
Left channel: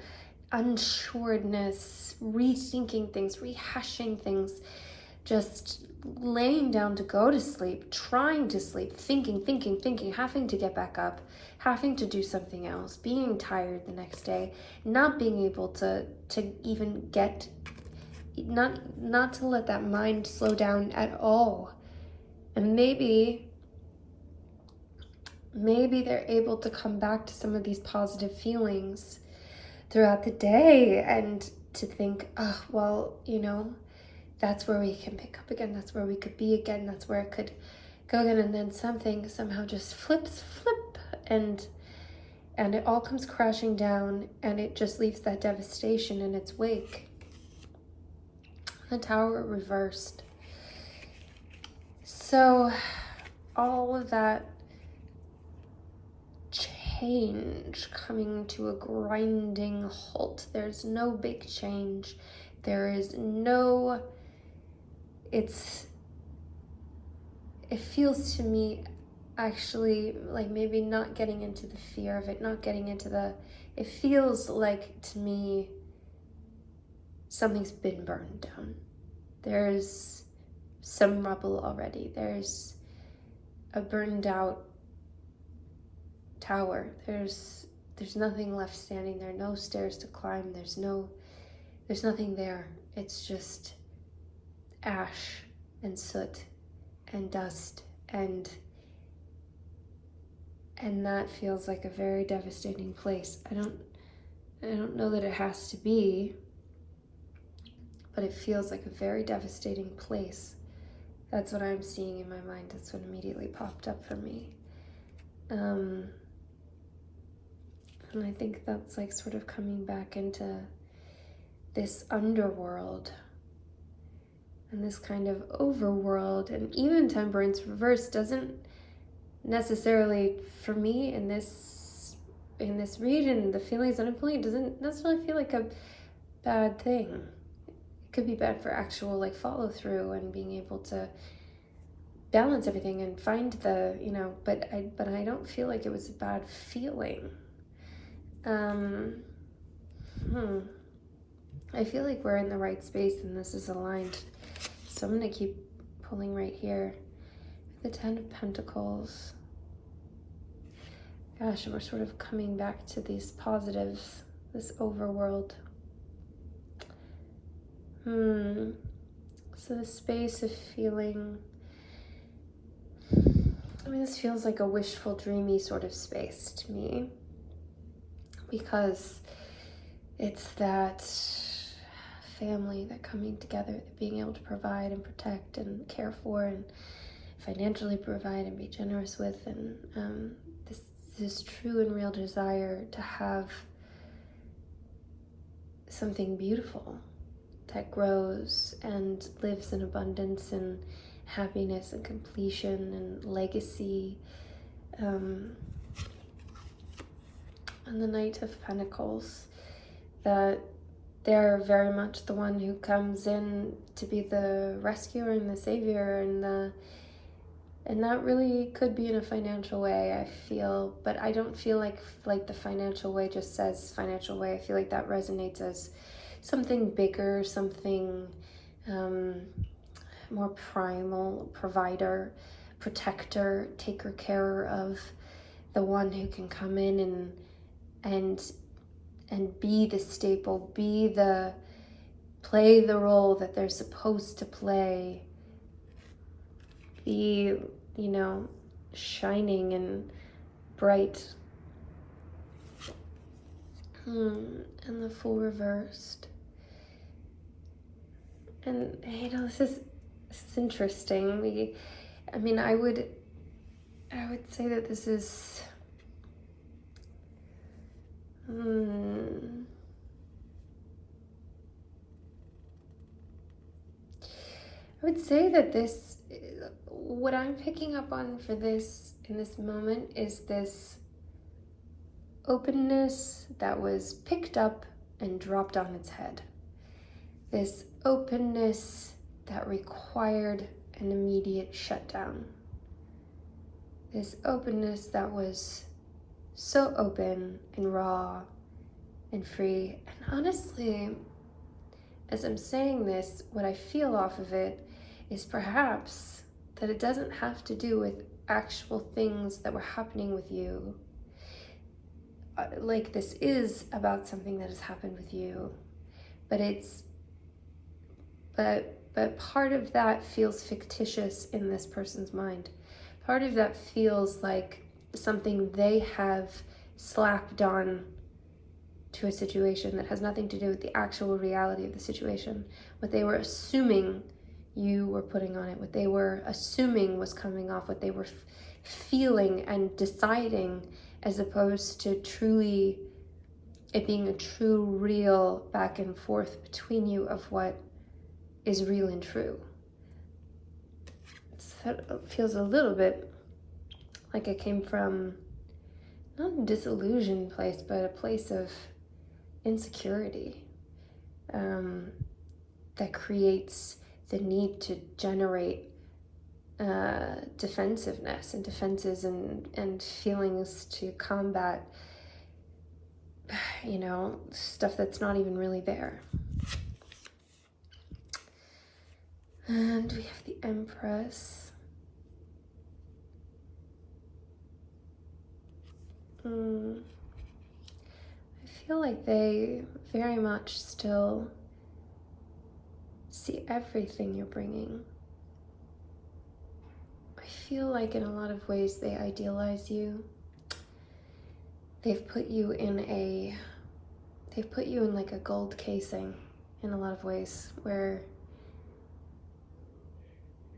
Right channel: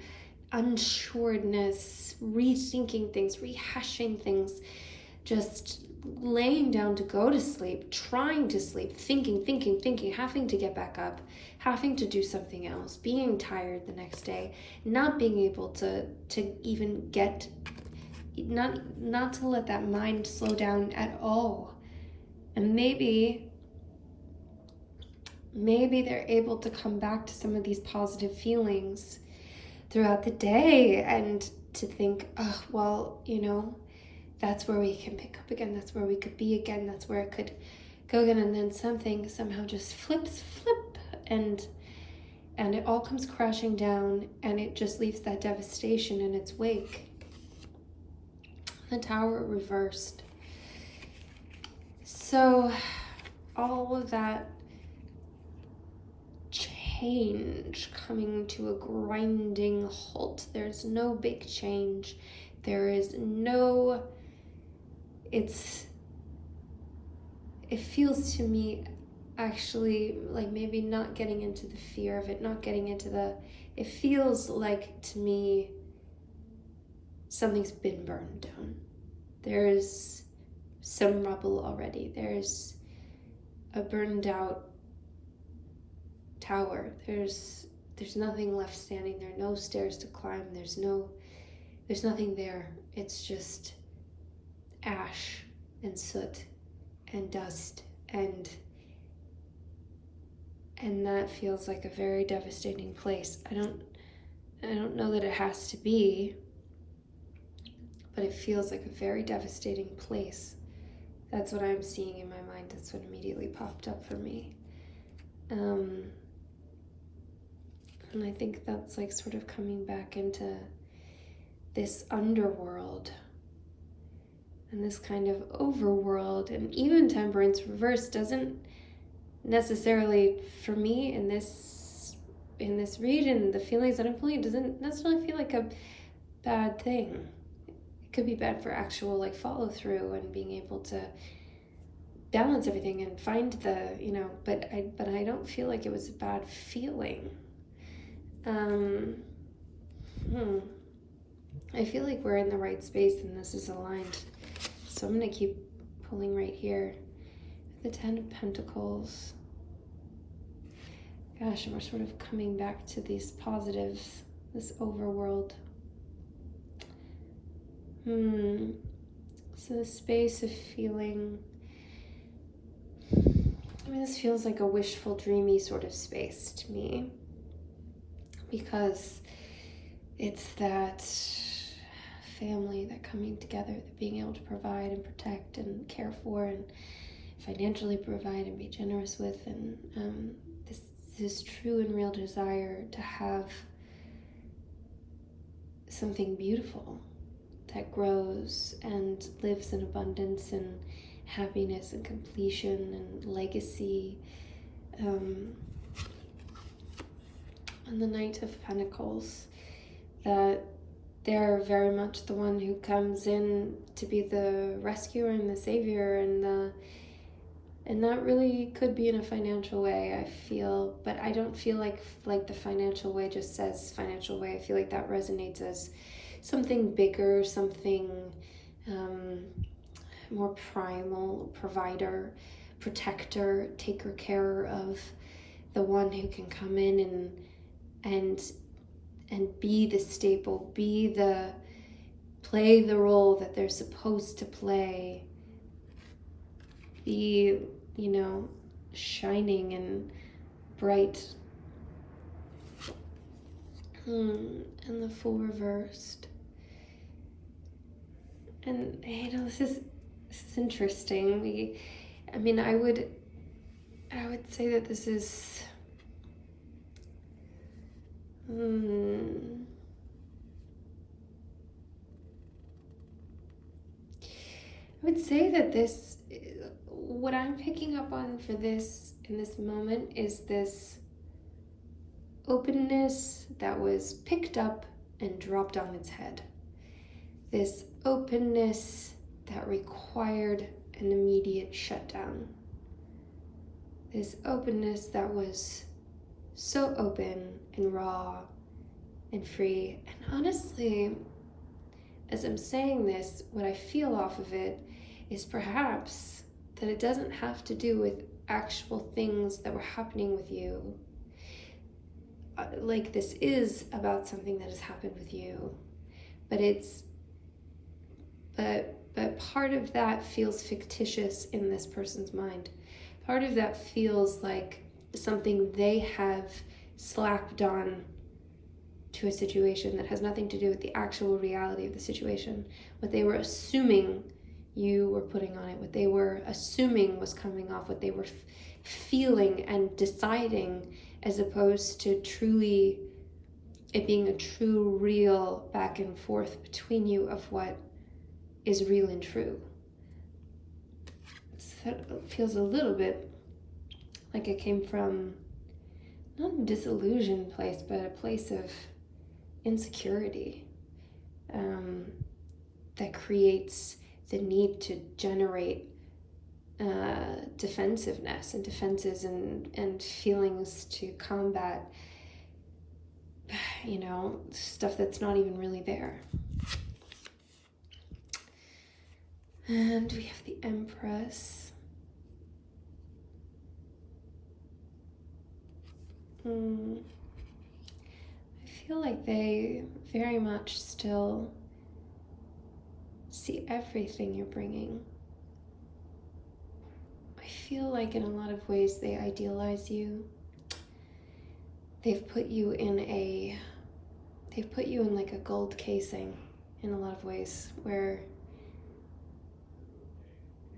unsureness, rethinking things, rehashing things, just laying down to go to sleep, trying to sleep, thinking, having to get back up, having to do something else, being tired the next day, not being able to even get, not to let that mind slow down at all. And maybe they're able to come back to some of these positive feelings throughout the day, and to think, oh, well, that's where we can pick up again, that's where we could be again, that's where it could go again, and then something somehow just flip, and it all comes crashing down, and it just leaves that devastation in its wake. The tower reversed. So all of that change coming to a grinding halt. There's no big change. There is no, it feels to me actually like maybe not getting into the fear of it, not getting into it feels like to me something's been burned down. There's some rubble already. There's a burned out tower. There's nothing left standing there, no stairs to climb, there's nothing there. It's just ash and soot and dust, and that feels like a very devastating place. I don't know that it has to be, but it feels like a very devastating place. That's what I'm seeing in my mind. That's what immediately popped up for me. And I think that's like sort of coming back into this underworld and this kind of overworld. And even Temperance Reverse doesn't necessarily, for me in this read and the feelings that I'm feeling, it doesn't necessarily feel like a bad thing. It could be bad for actual like follow through and being able to balance everything and find the, but I don't feel like it was a bad feeling. I feel like we're in the right space and this is aligned. So I'm going to keep pulling right here. The Ten of Pentacles. Gosh, we're sort of coming back to these positives, this overworld. So the space of feeling, this feels like a wishful, dreamy sort of space to me, because it's that family, that coming together, that being able to provide and protect and care for and financially provide and be generous with, and this true and real desire to have something beautiful that grows and lives in abundance and happiness and completion and legacy. And the Knight of Pentacles, that they're very much the one who comes in to be the rescuer and the savior, and that really could be in a financial way, I feel, but I don't feel like the financial way just says financial way. I feel like that resonates as something bigger, something more primal, provider, protector, taker care of, the one who can come in and be the staple, play the role that they're supposed to play, be, shining and bright. And the Fool reversed. And this is interesting. I would say that this is I would say that what I'm picking up on for this in this moment is this openness that was picked up and dropped on its head. This openness that required an immediate shutdown. This openness that was so open and raw and free. And honestly, as I'm saying this, what I feel off of it is perhaps that it doesn't have to do with actual things that were happening with you. Like, this is about something that has happened with you, but part of that feels fictitious in this person's mind. Part of that feels like something they have slapped on to a situation that has nothing to do with the actual reality of the situation. What they were assuming you were putting on it, what they were assuming was coming off, what they were feeling and deciding, as opposed to truly it being a true, real back and forth between you of what is real and true. It feels a little bit like it came from not a disillusioned place, but a place of insecurity that creates the need to generate defensiveness and defenses and feelings to combat, stuff that's not even really there. And we have the Empress. I feel like they very much still see everything you're bringing. I feel like in a lot of ways they idealize you. They've put you in like a gold casing in a lot of ways, where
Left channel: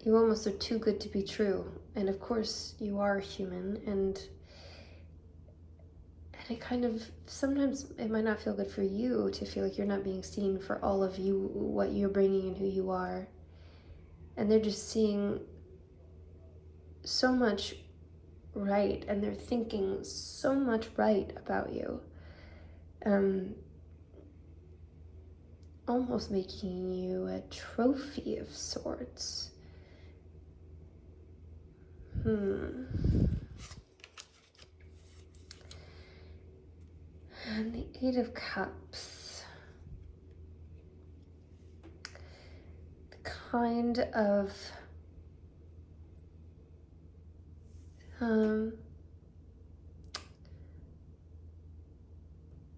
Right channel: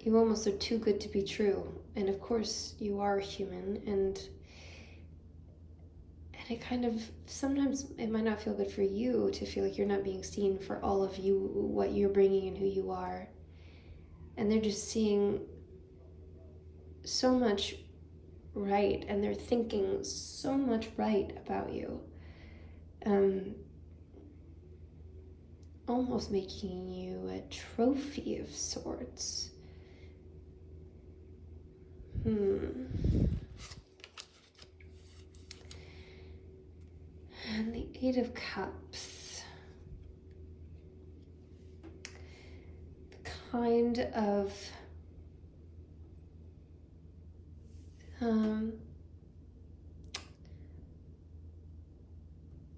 you almost are too good to be true. And of course you are human, and it kind of, sometimes it might not feel good for you to feel like you're not being seen for all of you, what you're bringing and who you are. And they're just seeing so much right, and they're thinking so much right about you. Almost making you a trophy of sorts. And the Eight of Cups. The kind of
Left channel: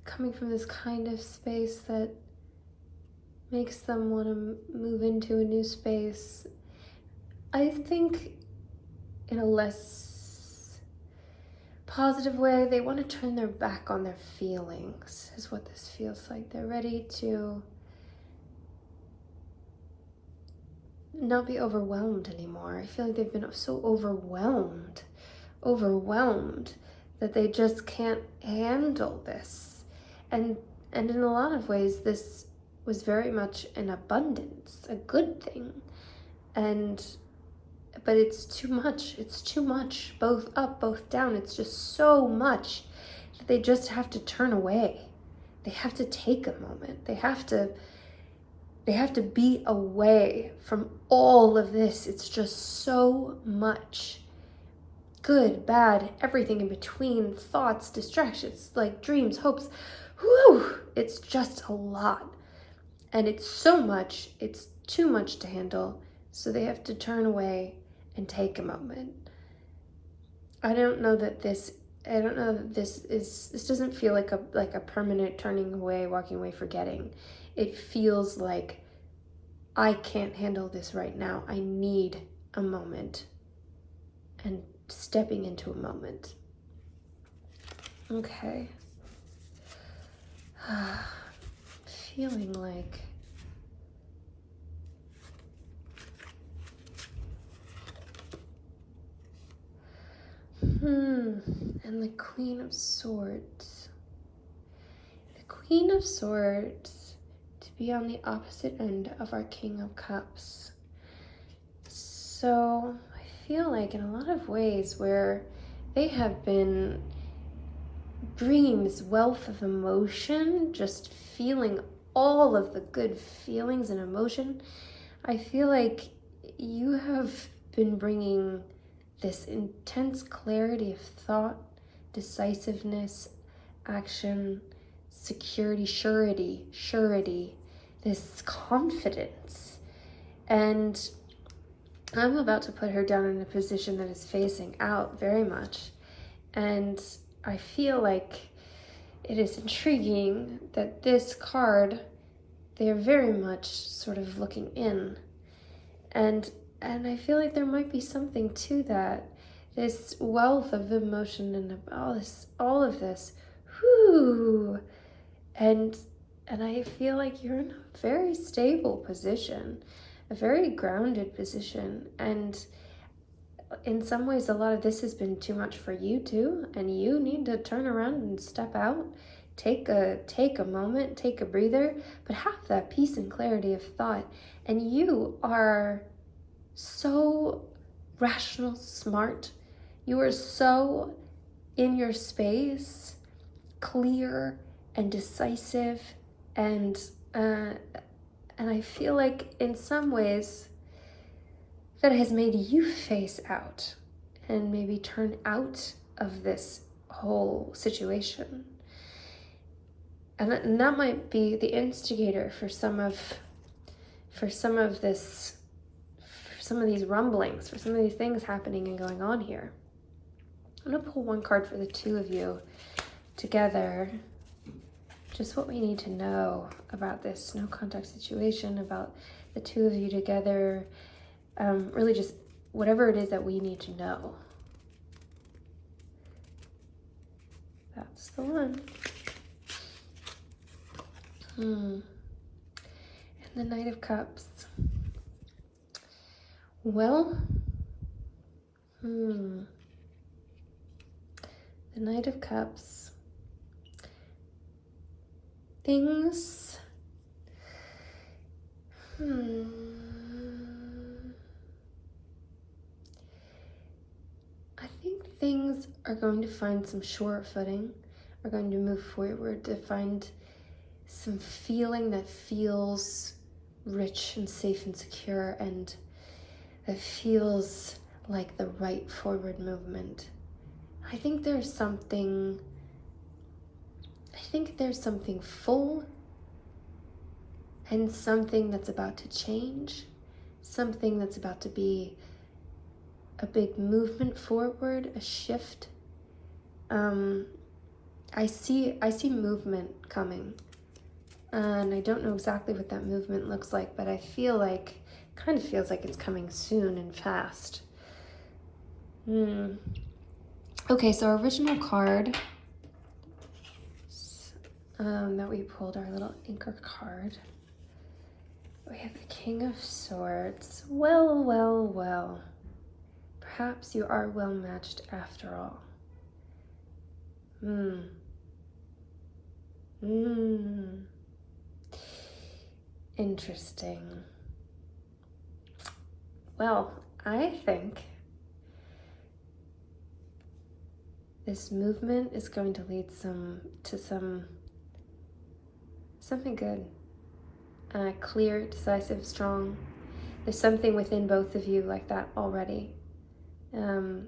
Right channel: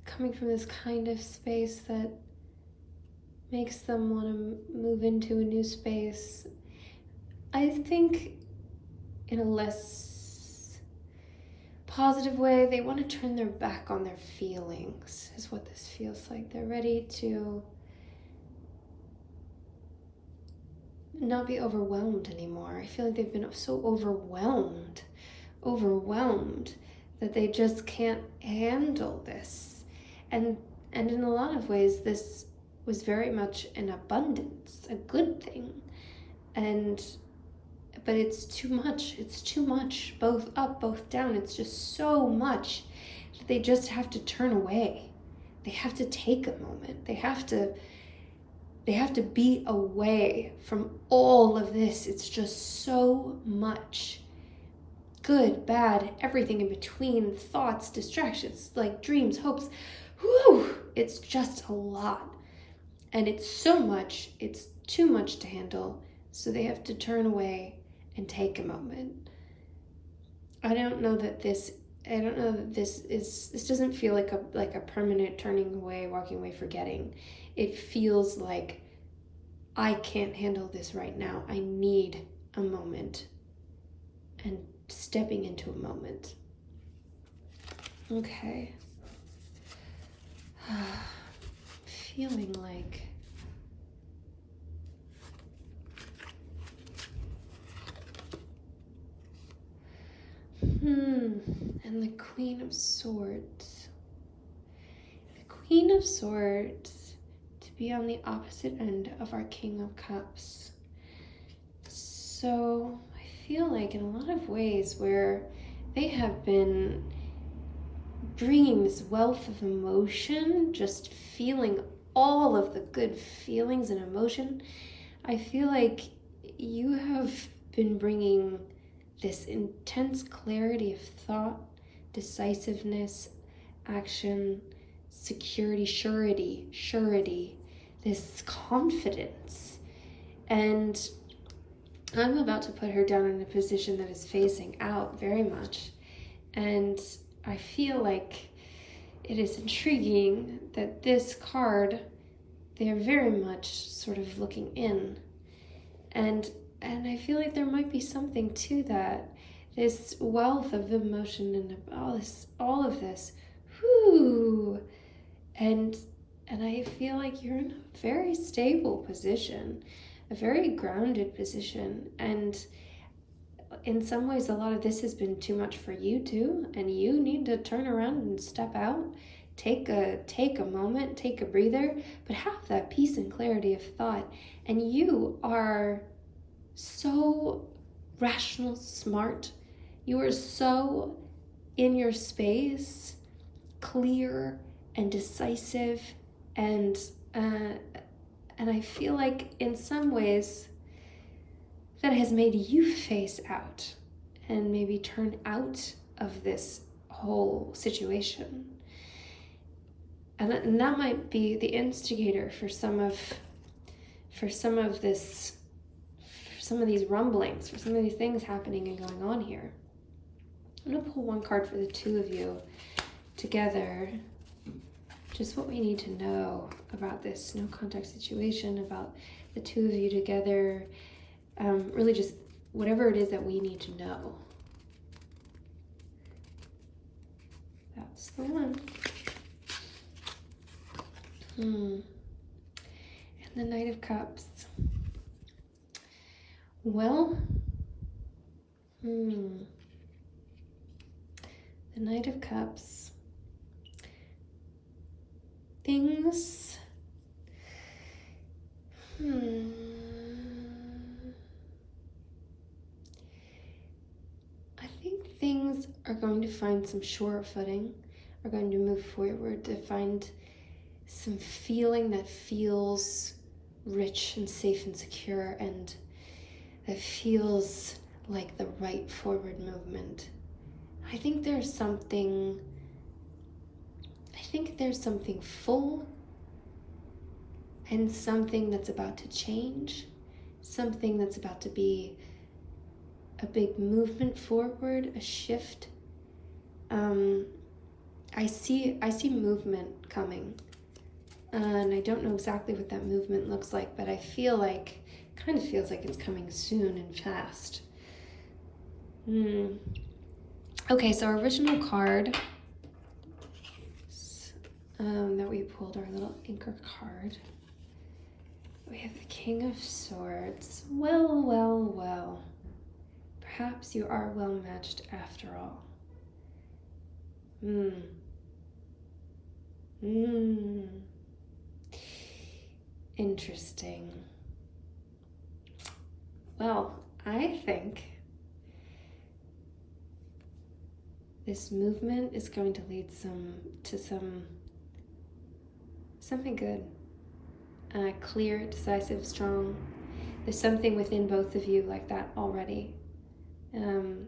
coming from this kind of space that makes them want to move into a new space. I think in a less positive way, they want to turn their back on their feelings, is what this feels like. They're ready to not be overwhelmed anymore. I feel like they've been so overwhelmed that they just can't handle this. And in a lot of ways, this was very much in abundance, a good thing. And but it's too much. It's too much, both up, both down. It's just so much that they just have to turn away. They have to take a moment. They have to be away from all of this. It's just so much. Good, bad, everything in between, thoughts, distractions, like dreams, hopes. Whew, it's just a lot. And it's so much, it's too much to handle. So they have to turn away and take a moment. I don't know that this doesn't feel like a permanent turning away, walking away, forgetting. It feels like I can't handle this right now. I need a moment. And stepping into a moment. Okay. Feeling like and the Queen of Swords. The Queen of Swords to be on the opposite end of our King of Cups. So I feel like in a lot of ways where they have been bringing this wealth of emotion, just feeling all of the good feelings and emotion, I feel like you have been bringing this intense clarity of thought, decisiveness, action, security, surety, this confidence. And I'm about to put her down in a position that is facing out very much. And I feel like it is intriguing that this card, they're very much sort of looking in. And I feel like there might be something to that. This wealth of emotion and all of this. Whoo! And I feel like you're in a very stable position, a very grounded position. And in some ways, a lot of this has been too much for you too. And you need to turn around and step out. Take a moment, take a breather, but have that peace and clarity of thought. And you are so rational, smart. You are so in your space, clear and decisive, and I feel like in some ways that has made you face out and maybe turn out of this whole situation. And that might be the instigator for some of these rumblings, for some of these things happening and going on here. I'm going to pull one card for the two of you together. Just what we need to know about this no contact situation, about the two of you together. Really just whatever it is that we need to know. That's the one. And the Knight of Cups. Well, the Knight of Cups. Things. I think things are going to find some sure footing, are going to move forward to find some feeling that feels rich and safe and secure, and that feels like the right forward movement. I think there's something full and something that's about to change, something that's about to be a big movement forward, a shift. I see movement coming. And I don't know exactly what that movement looks like, but I feel like, kind of feels like it's coming soon and fast. Okay, so our original card that we pulled, our little anchor card. We have the King of Swords. Well. Perhaps you are well matched after all. Interesting. Well, I think this movement is going to lead to something good, clear, decisive, strong. There's something within both of you like that already. This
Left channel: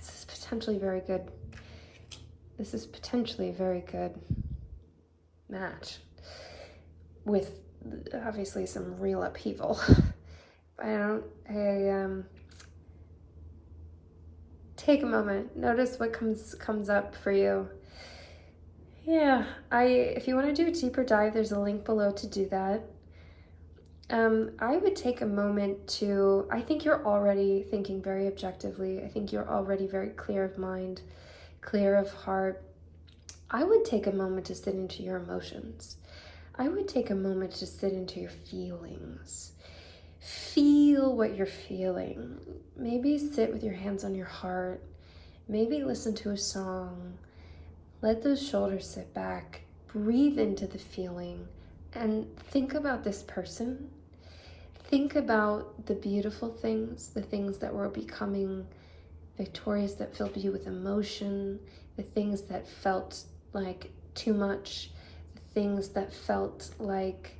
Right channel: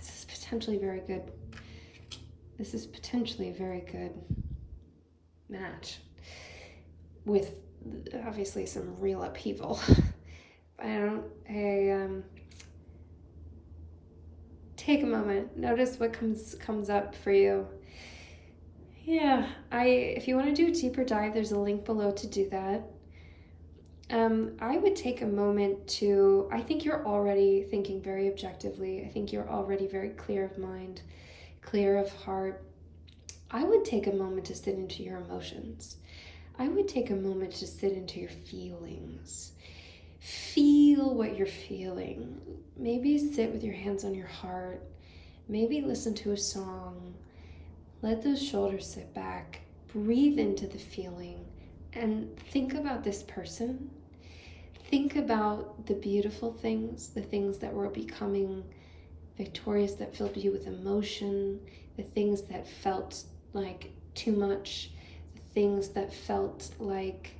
is potentially very good. This is potentially a very good match with obviously some real upheaval. Take a moment, notice what comes up for you. Yeah, if you want to do a deeper dive, there's a link below to do that. I would take a moment to, I think you're already thinking very objectively. I think you're already very clear of mind, clear of heart. I would take a moment to sit into your emotions. I would take a moment to sit into your feelings. Feel what you're feeling. Maybe sit with your hands on your heart. Maybe listen to a song. Let those shoulders sit back. Breathe into the feeling and think about this person. Think about the beautiful things, the things that were becoming victorious, that filled you with emotion, the things that felt like too much, the things that felt like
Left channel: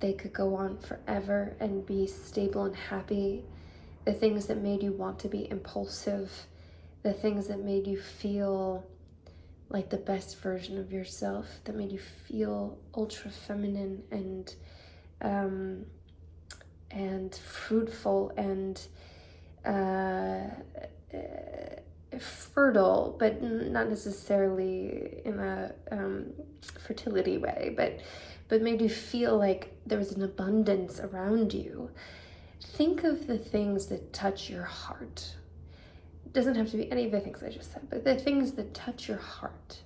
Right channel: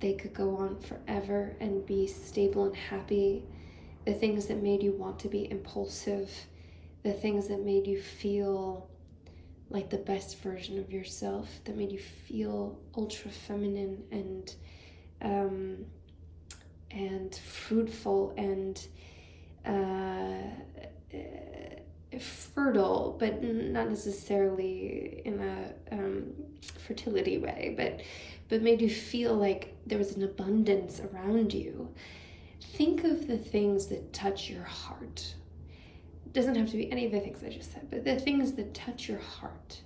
they could go on forever and be stable and happy, the things that made you want to be impulsive, the things that made you feel like the best version of yourself, that made you feel ultra feminine and fruitful and fertile, but not necessarily in a fertility way, but made you feel like there was an abundance around you. Think of the things that touch your heart. It doesn't have to be any of the things I just said, but the things that touch your heart.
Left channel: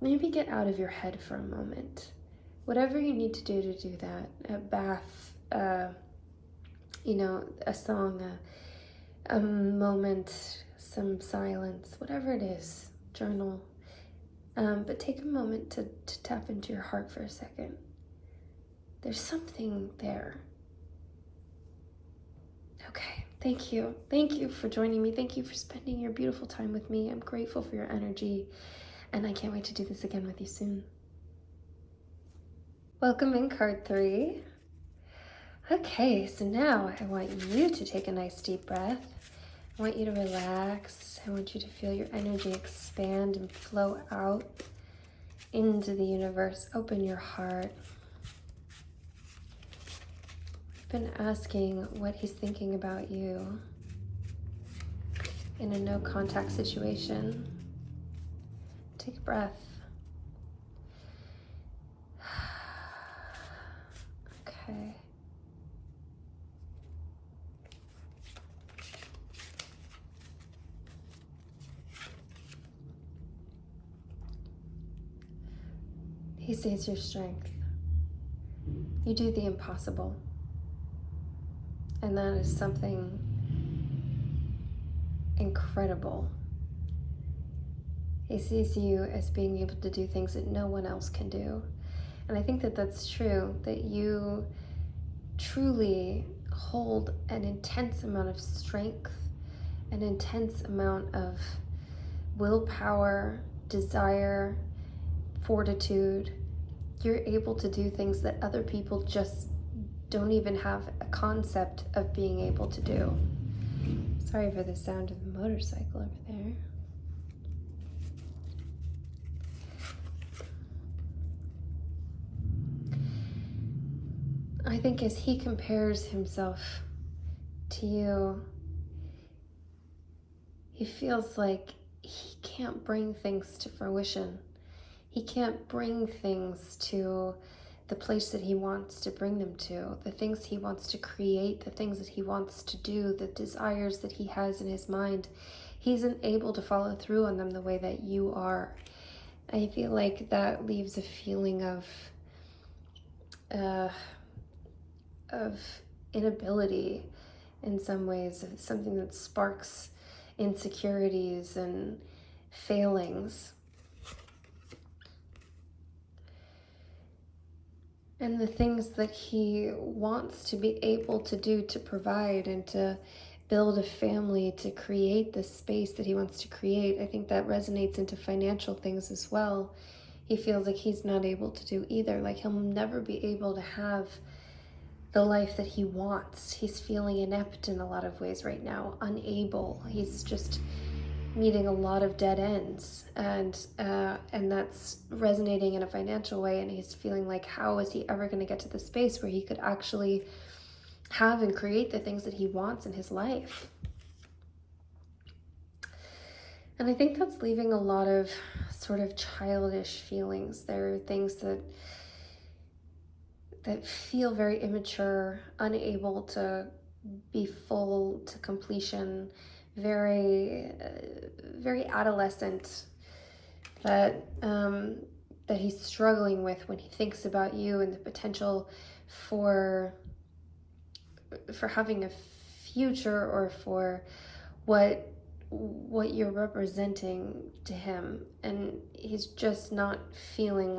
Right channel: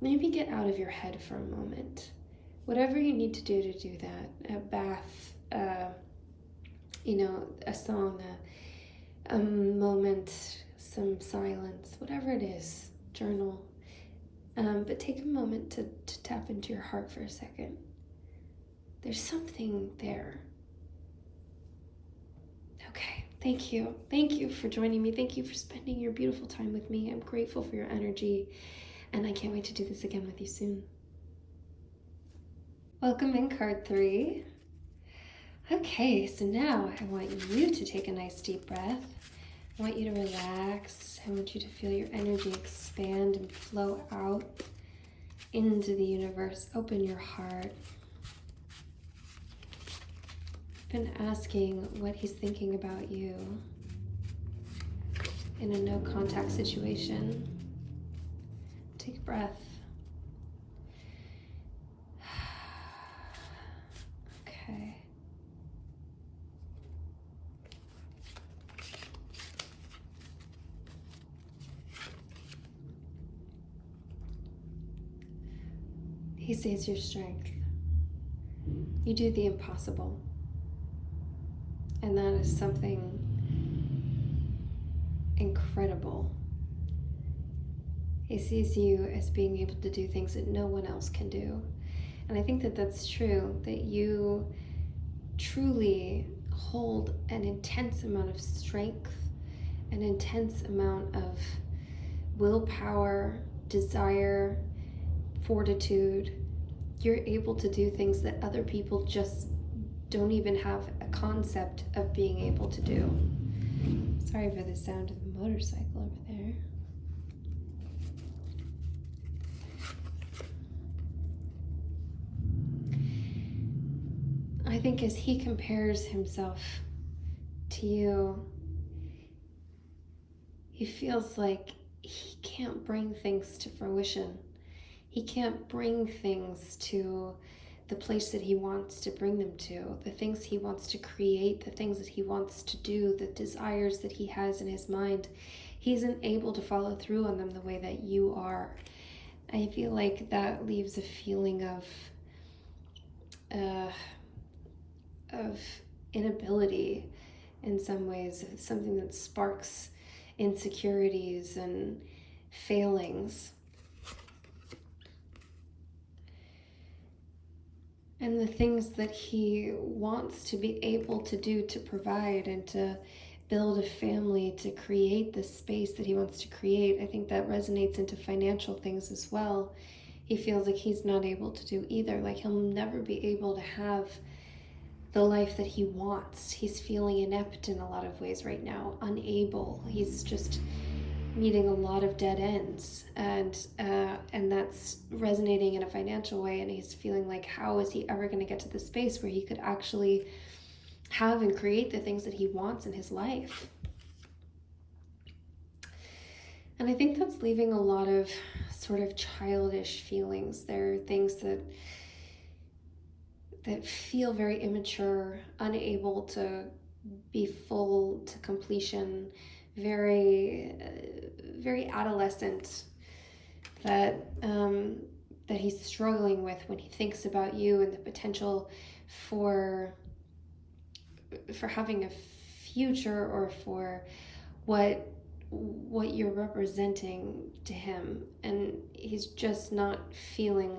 Maybe get out of your head for a moment. Whatever you need to do that, a bath, a song, a moment, some silence, whatever it is, journal. But take a moment to tap into your heart for a second. There's something there. Okay, thank you. Thank you for joining me. Thank you for spending your beautiful time with me. I'm grateful for your energy, and I can't wait to do this again with you soon. Welcome in card 3. Okay, so now I want you to take a nice deep breath. I want you to relax. I want you to feel your energy expand and flow out into the universe. Open your heart. I've been asking what he's thinking about you in a no contact situation. Take a breath. Okay. He sees your strength. You do the impossible. And that is something incredible. He sees you as being able to do things that no one else can do. And I think that that's true, that you truly hold an intense amount of strength, an intense amount of willpower, desire, fortitude. You're able to do things that other people just don't even have a concept of being able to do. Sorry for the sound of the motorcycle over there. I think as he compares himself to you, he feels like he can't bring things to fruition. He can't bring things to the place that he wants to bring them to, the things he wants to create, the things that he wants to do, the desires that he has in his mind. He isn't able to follow through on them the way that you are. I feel like that leaves a feeling of inability in some ways, something that sparks insecurities and failings. and the things that he wants to be able to do to provide and to build a family, to create the space that he wants to create. I think that resonates into financial things as well. He feels like he's not able to do either, like he'll never be able to have the life that he wants. He's feeling inept in a lot of ways right now, unable. He's just meeting a lot of dead ends, and that's resonating in a financial way, and he's feeling like, how is he ever going to get to the space where he could actually have and create the things that he wants in his life? And I think that's leaving a lot of sort of childish feelings. There are things that feel very immature, unable to be full to completion, very very adolescent, that that he's struggling with when he thinks about you and the potential for having a future, or for what you're representing to him. And he's just not feeling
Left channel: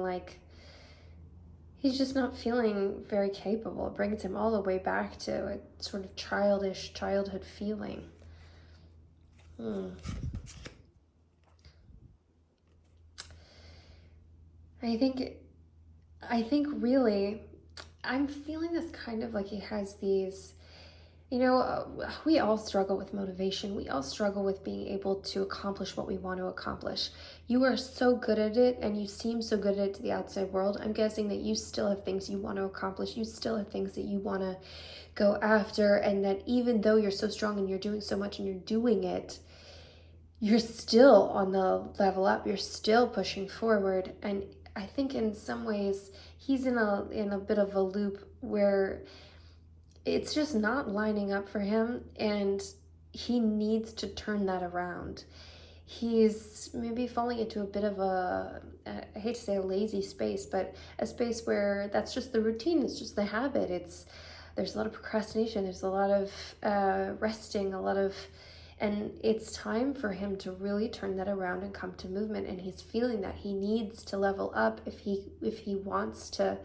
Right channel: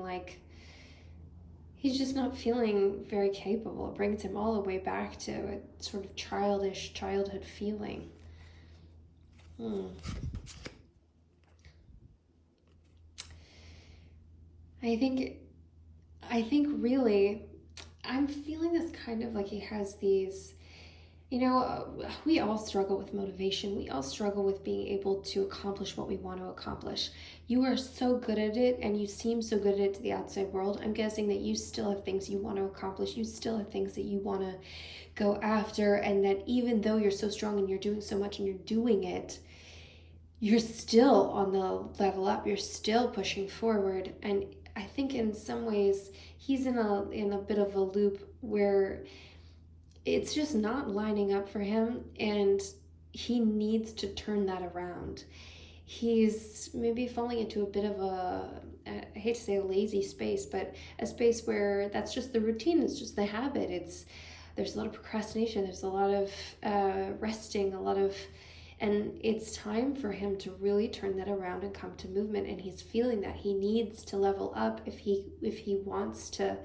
very capable. It brings him all the way back to a sort of childish childhood feeling. I think really, I'm feeling this kind of like he has these, we all struggle with motivation. We all struggle with being able to accomplish what we want to accomplish. You are so good at it, and you seem so good at it to the outside world. I'm guessing that you still have things you want to accomplish. You still have things that you want to go after, and that even though you're so strong and you're doing so much and you're doing it, you're still on the level up. You're still pushing forward. And I think in some ways he's in a bit of a loop where it's just not lining up for him, and he needs to turn that around. He's maybe falling into a bit of I hate to say a lazy space, but a space where that's just the routine, it's just the habit. There's a lot of procrastination, there's a lot of resting, and it's time for him to really turn that around and come to movement. And he's feeling that he needs to level up if he wants to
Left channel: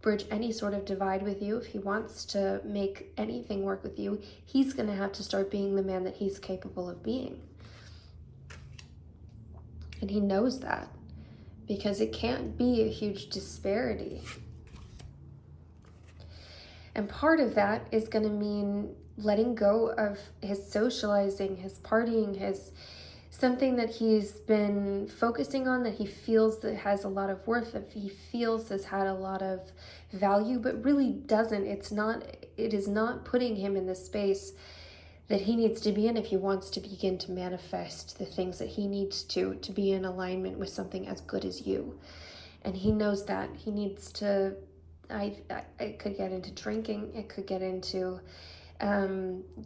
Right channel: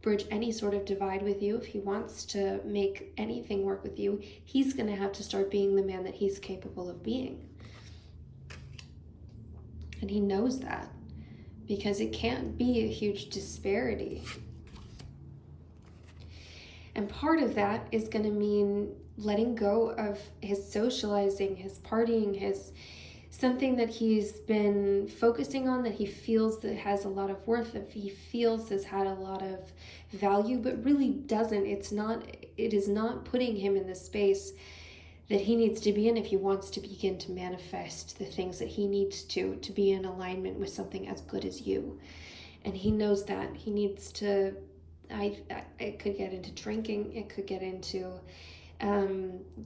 bridge any sort of divide with you, if he wants to make anything work with you. He's going to have to start being the man that he's capable of being. And he knows that, because it can't be a huge disparity. And part of that is going to mean letting go of his socializing, his partying, his something that he's been focusing on, that he feels that has a lot of worth, that he feels has had a lot of value, but really doesn't. It is not putting him in the space that he needs to be in if he wants to begin to manifest the things that he needs to be in alignment with something as good as you. And he knows that he needs to, it could get into drinking, it could get into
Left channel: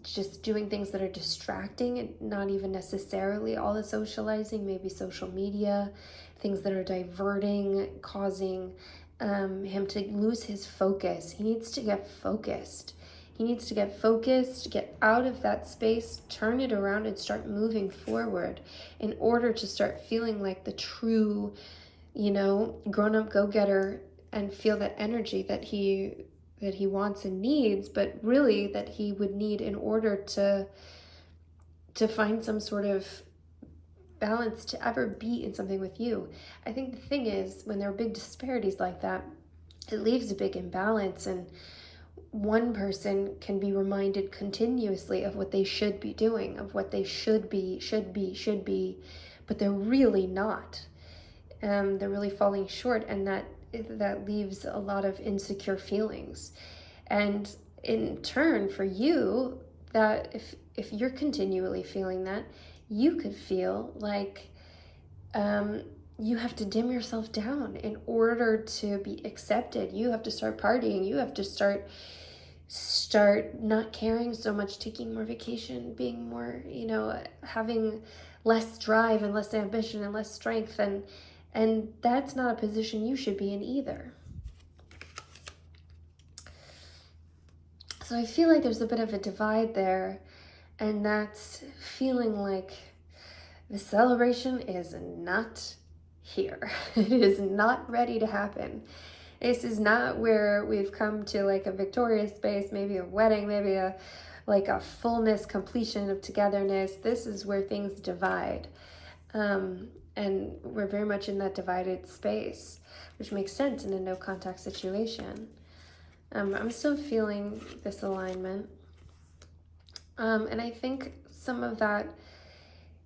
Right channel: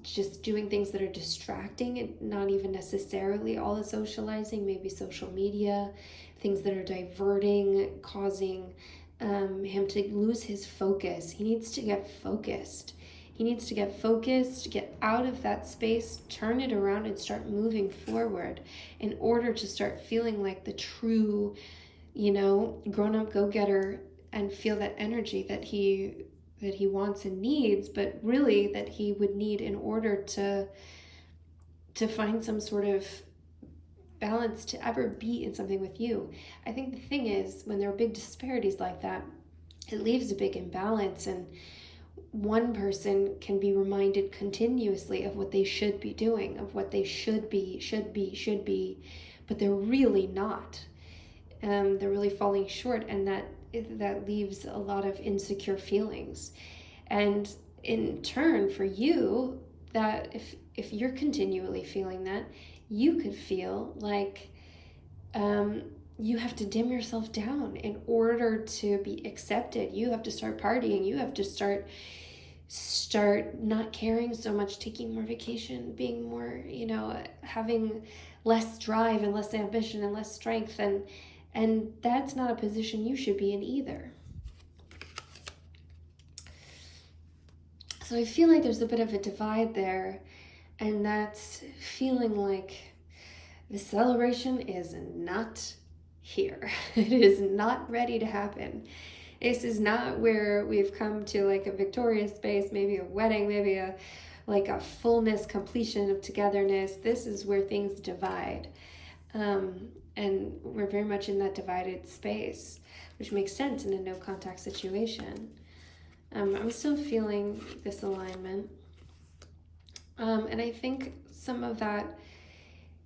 just doing things that are distracting, and not even necessarily all the socializing, maybe social media, things that are diverting, causing him to lose his focus. He needs to get focused. He needs to get focused, get out of that space, turn it around, and start moving forward in order to start feeling like the true, grown-up go-getter, and feel that energy that he wants and needs, but really that he would need in order to find some sort of balance to ever be in something with you. I think the thing is, when there are big disparities like that, it leaves a big imbalance, and one person can be reminded continuously of what they should be doing, of what they should be, but they're really not. They're really falling short, and that leaves a lot of insecure feelings. And in turn, for you, that if you're continually feeling that, you could feel like you have to dim yourself down in order to be accepted. You have to start partying. You have to start not caring so much, taking more vacation, being more, having less drive and less ambition and less strength. And that's not a position you should be in either. So I feel like there's a bit of a divide there, and that's feeling like the celebration is not here. It is not ready to happen. This is not where we've come to like a victorious space, maybe a wedding, maybe a fullness, completion of togetherness. This is where things divide. And we're very much in that divided space, which makes sense in a no contact situation. I'm still feeling this alignment. And I think some of that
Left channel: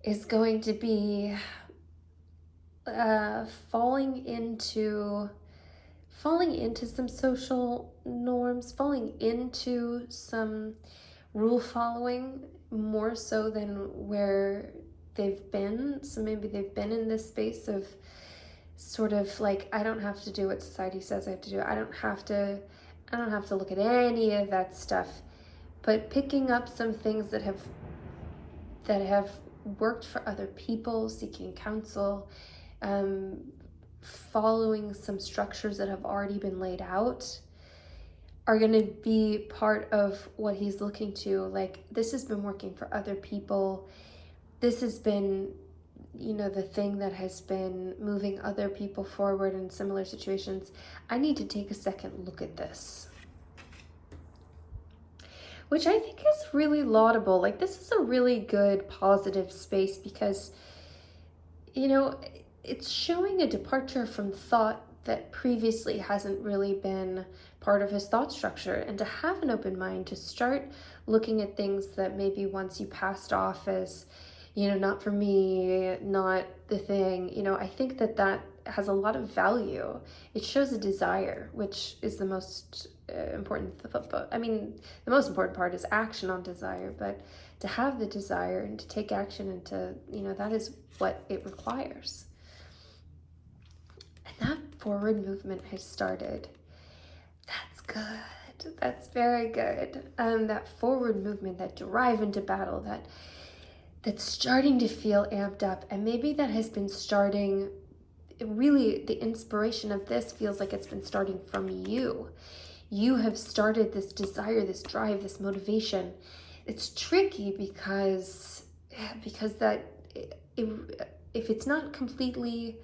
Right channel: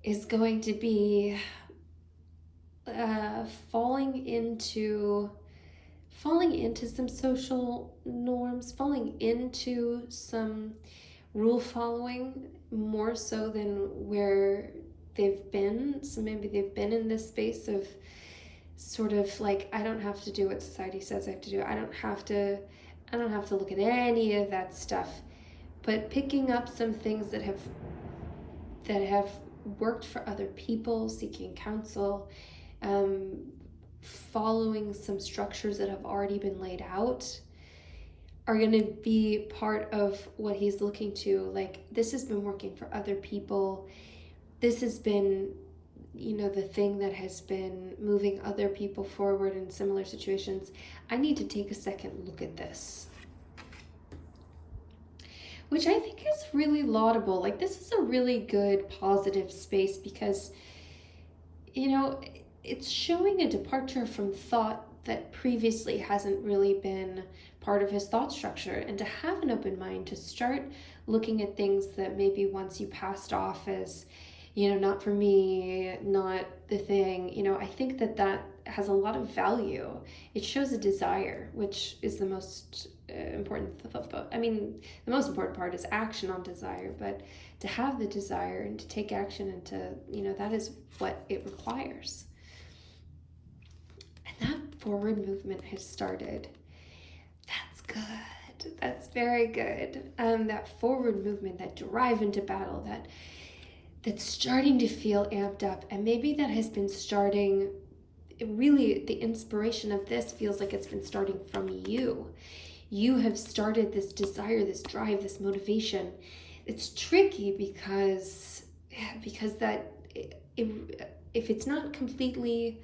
is going to be falling into some social norms, falling into some rule following more so than where they've been. So maybe they've been in this space of sort of like, I don't have to do what society says I have to do. I don't have to look at any of that stuff. But picking up some things that have worked for other people, seeking counsel, following some structures that have already been laid out, are going to be part of what he's looking to. Like, this has been working for other people. This has been, the thing that has been moving other people forward in similar situations. I need to take a second look at this. Which I think is really laudable. Like, this is a really good positive space because, it's showing a departure from thought that previously hasn't really been part of his thought structure, and to have an open mind to start looking at things that maybe once you passed off as, not for me, not the thing, I think that has a lot of value. It shows a desire, which is the most important. The most important part is action on desire, but to have the desire and to take action and to, that is what it requires. And that forward movement has started. That's good. That's very good. That forward movement, that drive into battle, that's starting to feel amped up. And maybe that has been starting, really, the inspiration of this feels like it's been starting from you. You have started this desire, this drive, this motivation. It's tricky because that if it's not completely,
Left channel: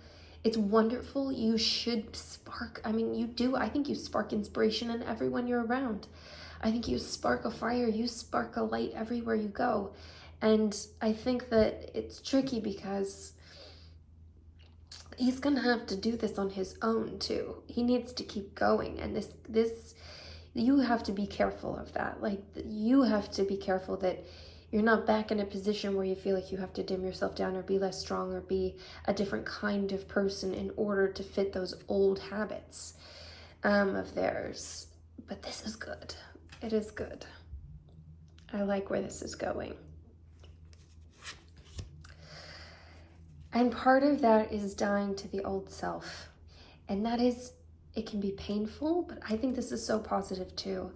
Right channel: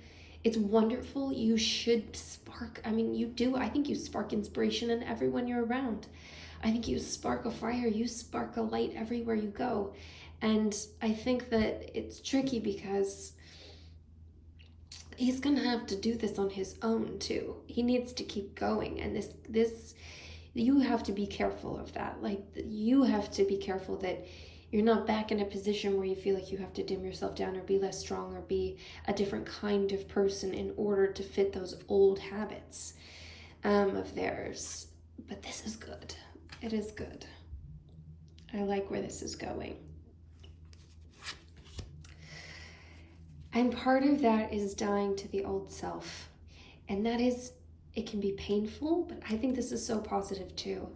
it's wonderful. You should spark. You do. I think you spark inspiration in everyone you're around. I think you spark a fire. You spark a light everywhere you go. And I think that it's tricky because he's going to have to do this on his own too. He needs to keep going. And this you have to be careful of that. Like, you have to be careful that you're not back in a position where you feel like you have to dim yourself down or be less strong or be a different kind of person in order to fit those old habits of theirs. But this is good. It is good. I like where this is going. And part of that is dying to the old self. And that is, it can be painful, but I think this is so positive too.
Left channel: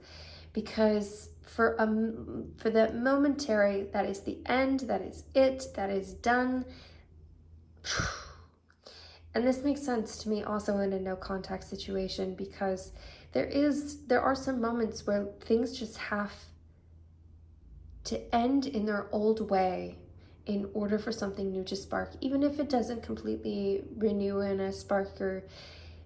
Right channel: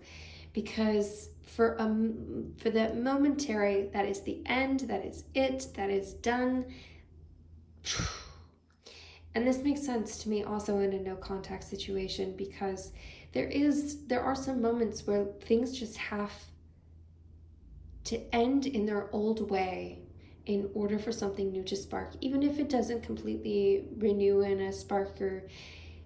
Because for the momentary, that is the end, that is it, that is done. And this makes sense to me also in a no contact situation, because there are some moments where things just have to end in their old way in order for something new to spark, even if it doesn't completely renew in a spark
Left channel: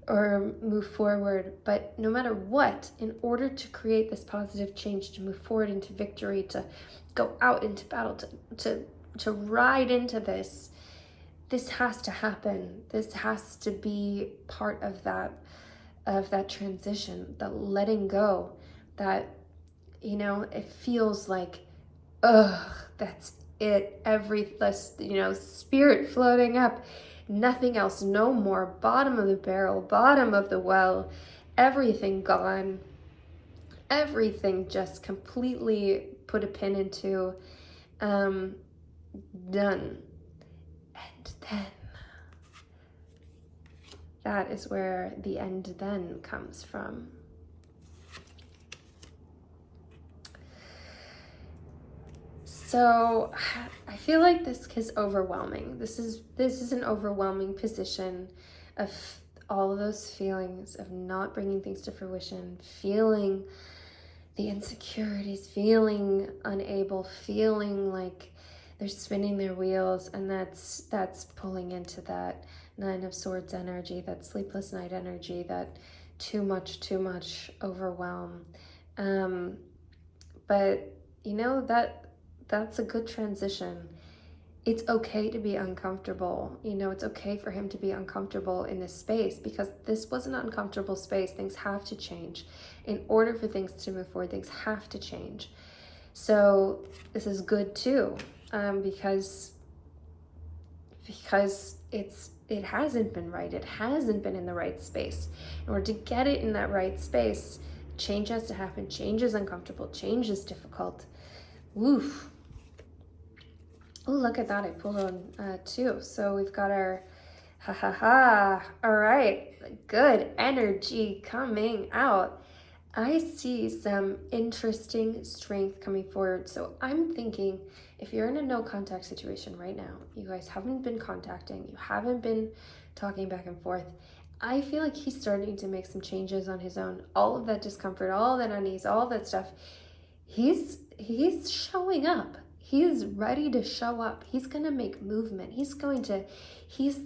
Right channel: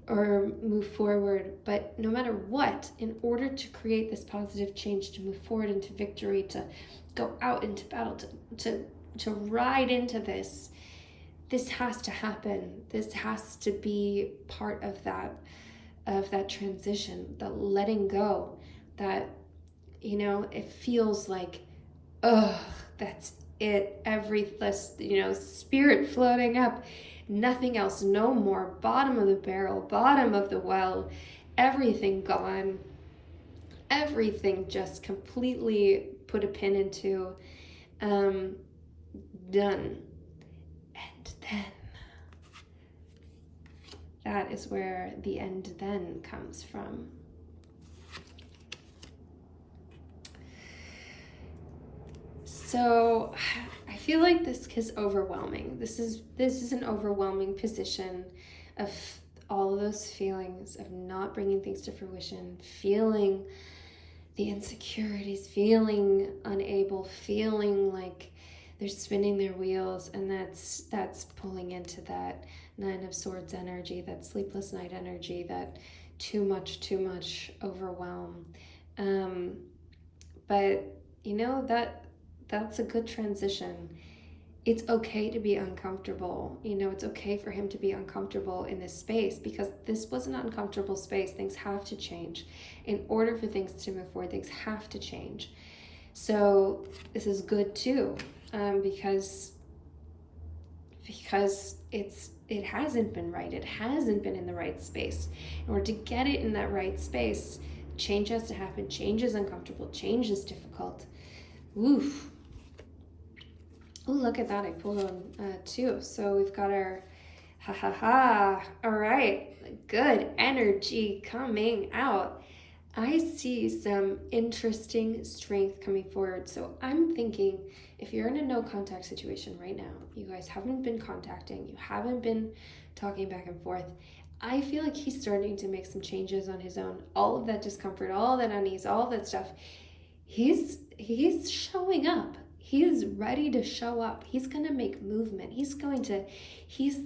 or move forward. But no matter what, in order to create this positive change, to move forward into victory, to go out into battle, to ride into this has to happen. This has to be part of that transition, the letting go, that, it feels like, that's it, spirit floating up, nothing else, no more, bottom of the barrel, bottom of the well, everything gone, everything just completely put a pin into, done. And then that is where the end then comes from. So I feel like this is overwhelming. This is an overwhelming position of all of those feelings of not bringing things to fruition, feeling the insecurities, feeling unable, feeling like they're spinning their wheels, and that's pulling into that Nine of Swords energy, that sleepless night energy, that too much overwhelm. But that's a good transition. It's okay to be uncomfortable. It's okay for him to be uncomfortable in this space, because this was an uncomfortable space. Things have to change. In order for things to move forward, things have to change. So this is good too, because it hasn't been right. It hasn't been in the right space. In order to get it in that right space, change has to happen. Change is uncomfortable. Change is difficult. Woof. Oh, look at that. I pulled on two. So we've got our ha ha ha. All right. Good energy coming out. I see some interesting strength coming forward. So I'm thinking, if you're in a no contact situation right now, you guys haven't been contacting, you haven't been talking back and forth, I feel like he's starting to make some changes on his own. All of that discomfort, all that unease, all that stuff, he's showing up. He's ready to show up. He's going to make movement. He's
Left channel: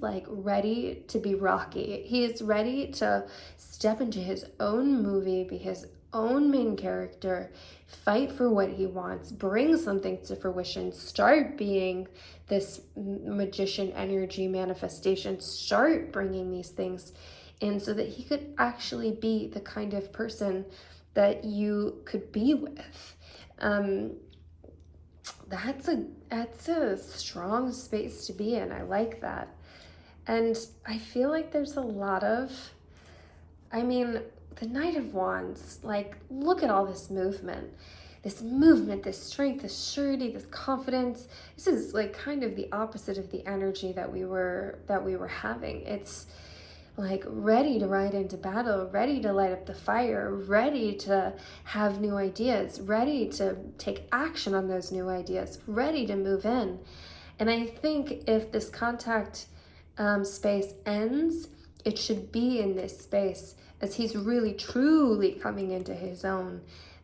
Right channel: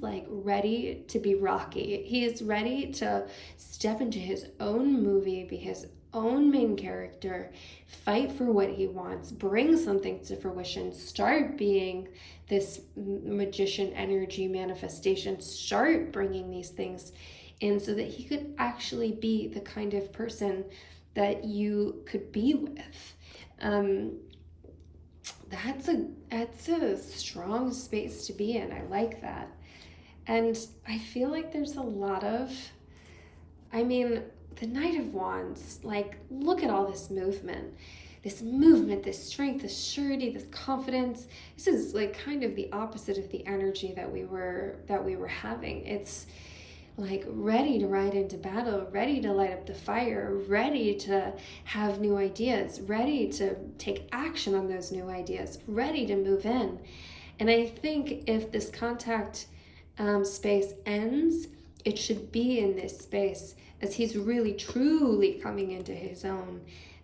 like ready to be Rocky. He is ready to step into his own movie, be his own main character, fight for what he wants, bring something to fruition, start being this magician energy manifestation, start bringing these things in so that he could actually be the kind of person that you could be with. That's a strong space to be in. I like that. And I feel like there's a lot of, the Knight of Wands, like, look at all this movement, this strength, this surety, this confidence. This is like kind of the opposite of the energy that we were having. It's like ready to ride into battle, ready to light up the fire, ready to have new ideas, ready to take action on those new ideas, ready to move in. And I think if this contact space ends, it should be in this space as he's really truly coming into his own,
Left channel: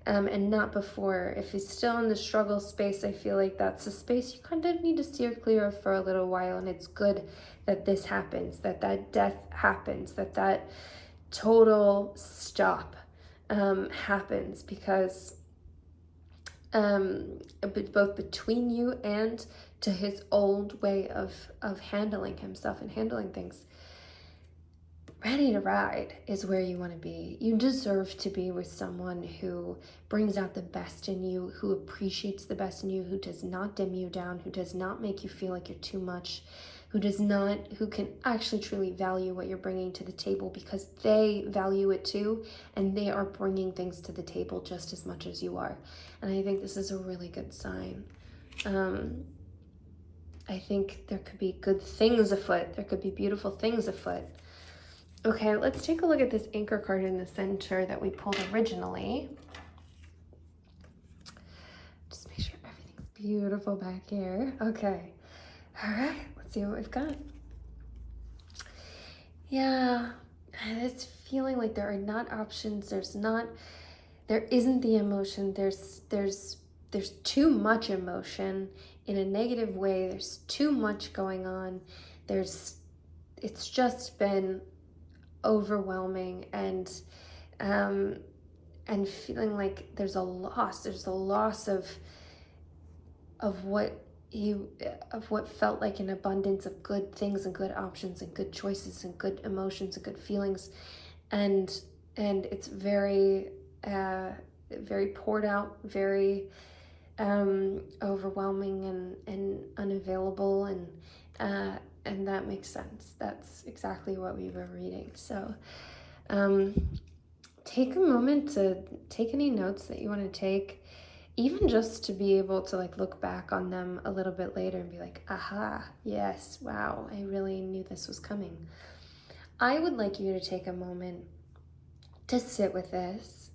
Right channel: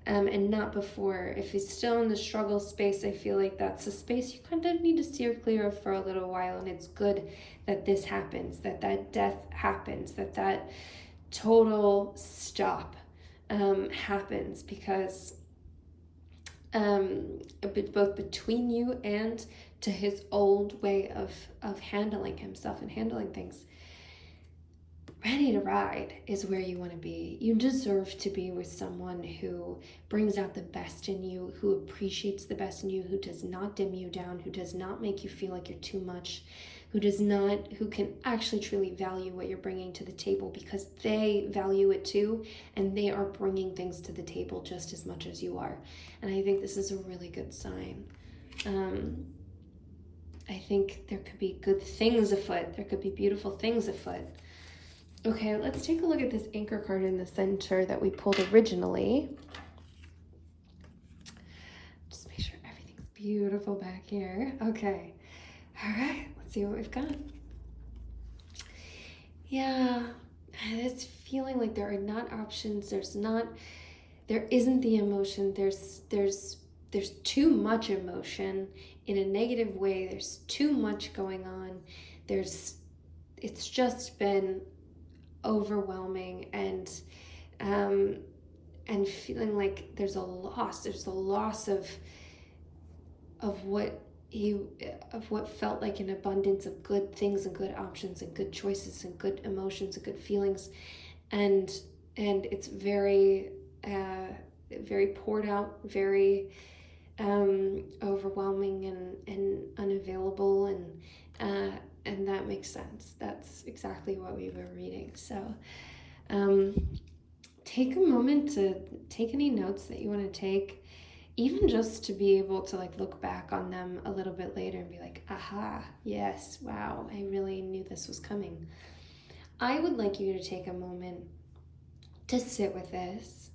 and not before. If he's still in the struggle space, I feel like that's a space you kind of need to steer clear of for a little while. And it's good that this happens, that death happens, that total stop happens, because both between you and to his old way of handling himself and handling things. Ready to ride is where you want to be. You deserve to be with someone who brings out the best in you, who appreciates the best in you, who does not dim you down, who does not make you feel like you're too much, who can actually truly value what you're bringing to the table, because they value it too, and they are bringing things to the table just as much as you are. And I think this is a really good sign. I think there could be good things afoot. There could be beautiful things afoot. Okay, let's take a look at this anchor card in the center that we pulled originally. Just make sure everything's beautiful back here. Okay, all right, let's see what we've got. Yeah, it's feeling like there are not options. There isn't the emotion. There's too much emotion in a negative way. There's too much going on. It's just been overwhelming, and feeling like there's a loss of what felt like an abundance of good things and good options and good choices and good emotions and good feelings, and it's very very poured out, very overwhelming and unavailable, and that makes sense. That's exactly what we were reading. So take a moment to take any notes that you want to take, even just to be able to like look back on them a little bit later and be like, aha, yes, wow, I really knew this was coming. I would like you to take a moment to sit with this.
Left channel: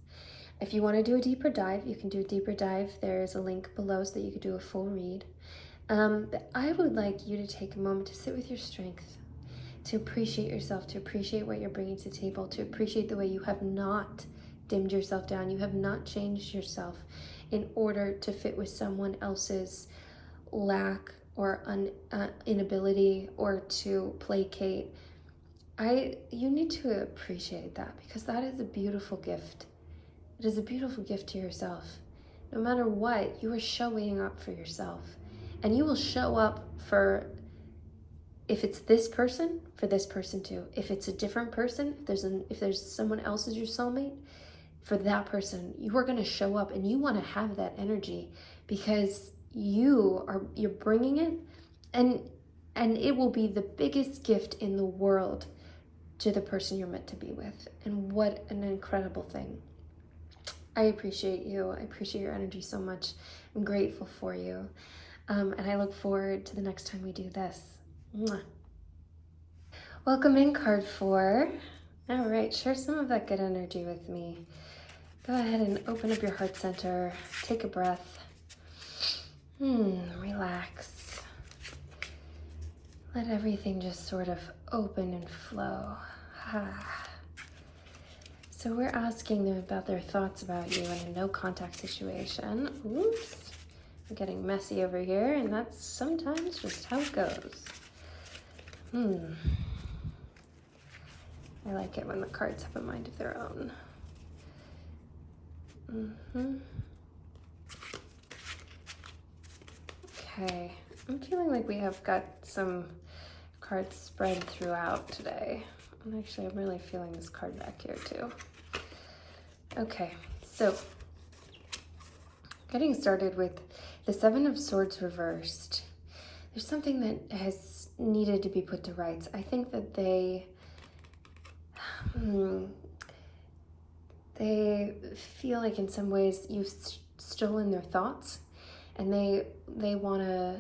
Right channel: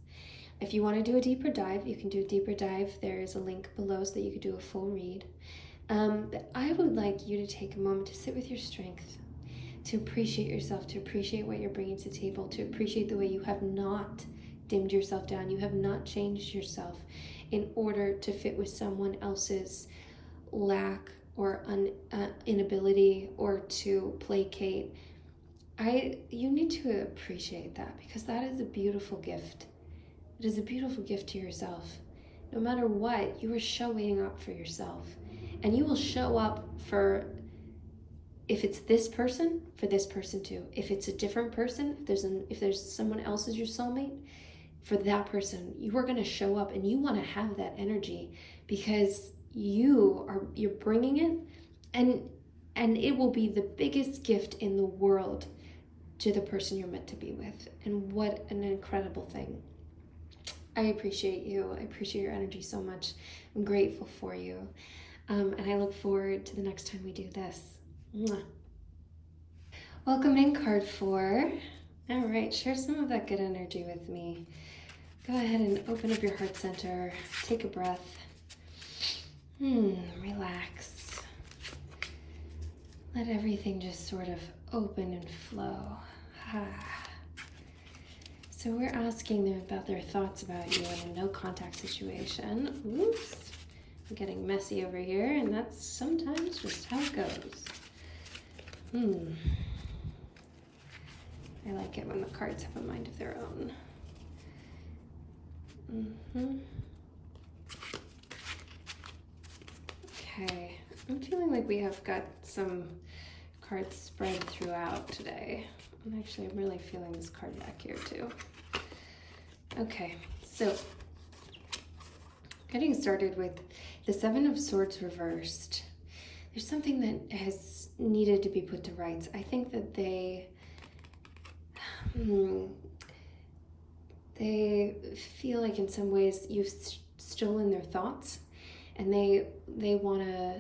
If you want to do a deeper dive, you can do a deeper dive. There is a link below so that you could do a full read. But I would like you to take a moment to sit with your strength, to appreciate yourself, to appreciate what you're bringing to the table, to appreciate the way you have not dimmed yourself down, you have not changed yourself in order to fit with someone else's lack or inability, or to placate you need to appreciate that, because that is a beautiful gift. It is a beautiful gift to yourself. No matter what, you are showing up for yourself. And you will show up for, if it's this person, for this person too. If it's a different person, if there's someone else as your soulmate, for that person, you are going to show up, and you want to have that energy, because you're bringing it, and it will be the biggest gift in the world to the person you're meant to be with. And what an incredible thing. I appreciate you. I appreciate your energy so much. I'm grateful for you. And I look forward to the next time we do this. Mwah. Welcome in, card 4. All right, share some of that good energy with me. Go ahead and open up your heart center. Take a breath. Relax. Let everything just sort of open and flow. So we're asking them about their thoughts about you in a no contact situation. Oops, I'm getting messy over here, and that's sometimes just how it goes. I like it when the cards have a mind of their own. Okay, I'm feeling like we have got some cards spread throughout today. And actually, I'm really feeling this card back here too. Okay, so getting started with the 7 of Swords reversed. There's something that has needed to be put to rights. I think that they feel like in some ways you've stolen their thoughts, and they want to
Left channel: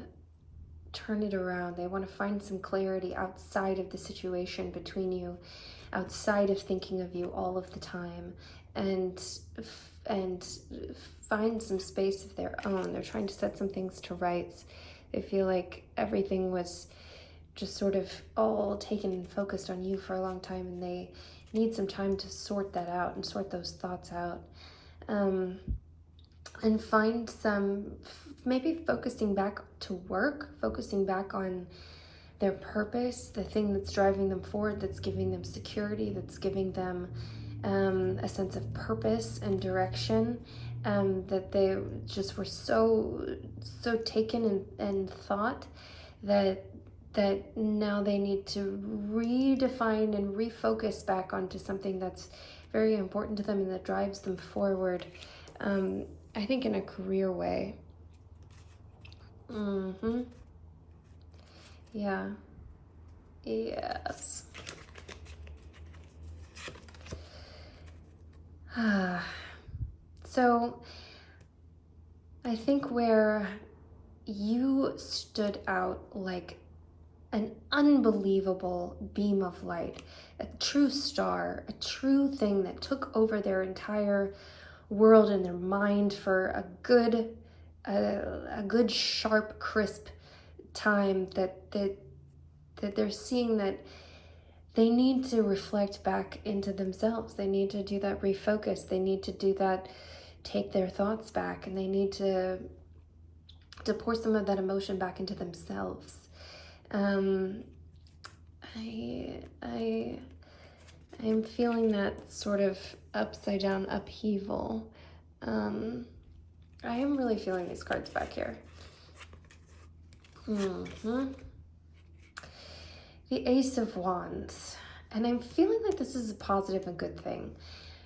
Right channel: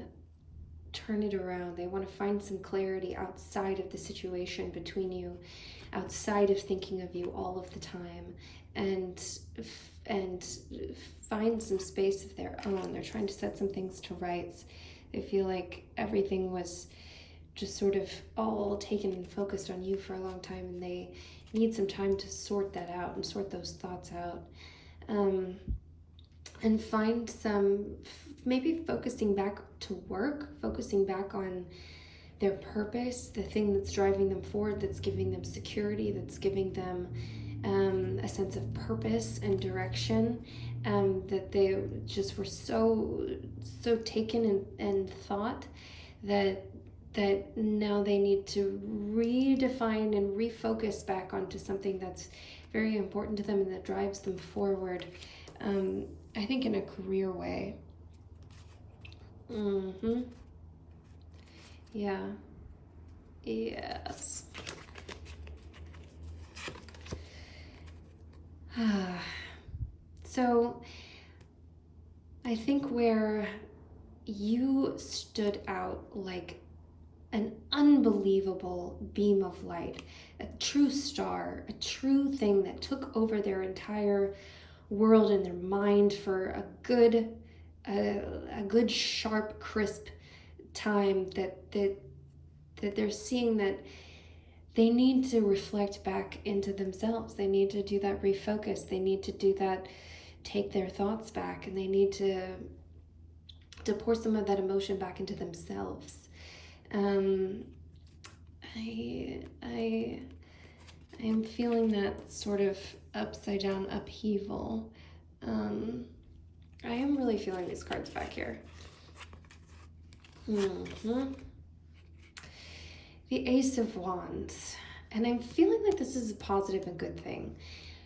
turn it around. They want to find some clarity outside of the situation between you, outside of thinking of you all of the time, and find some space of their own. They're trying to set some things to rights. They feel like everything was just sort of all taken and focused on you for a long time, and they need some time to sort that out and sort those thoughts out, and find some, maybe focusing back to work, focusing back on their purpose, the thing that's driving them forward, that's giving them security, that's giving them a sense of purpose and direction, that they just were so taken and thought that now they need to redefine and refocus back onto something that's very important to them and that drives them forward, I think in a career way. Yeah. Yes. So I think where you stood out like an unbelievable beam of light, a true star, a true thing that took over their entire world and their mind for a good sharp, crisp time, that they're seeing that they need to reflect back into themselves. They need to do that refocus. They need to do that, take their thoughts back, and they need to pour some of that emotion back into themselves. I am feeling that sort of upside down upheaval. I am really feeling these cards back here. The Ace of Wands. And I'm feeling like this is a positive and good thing,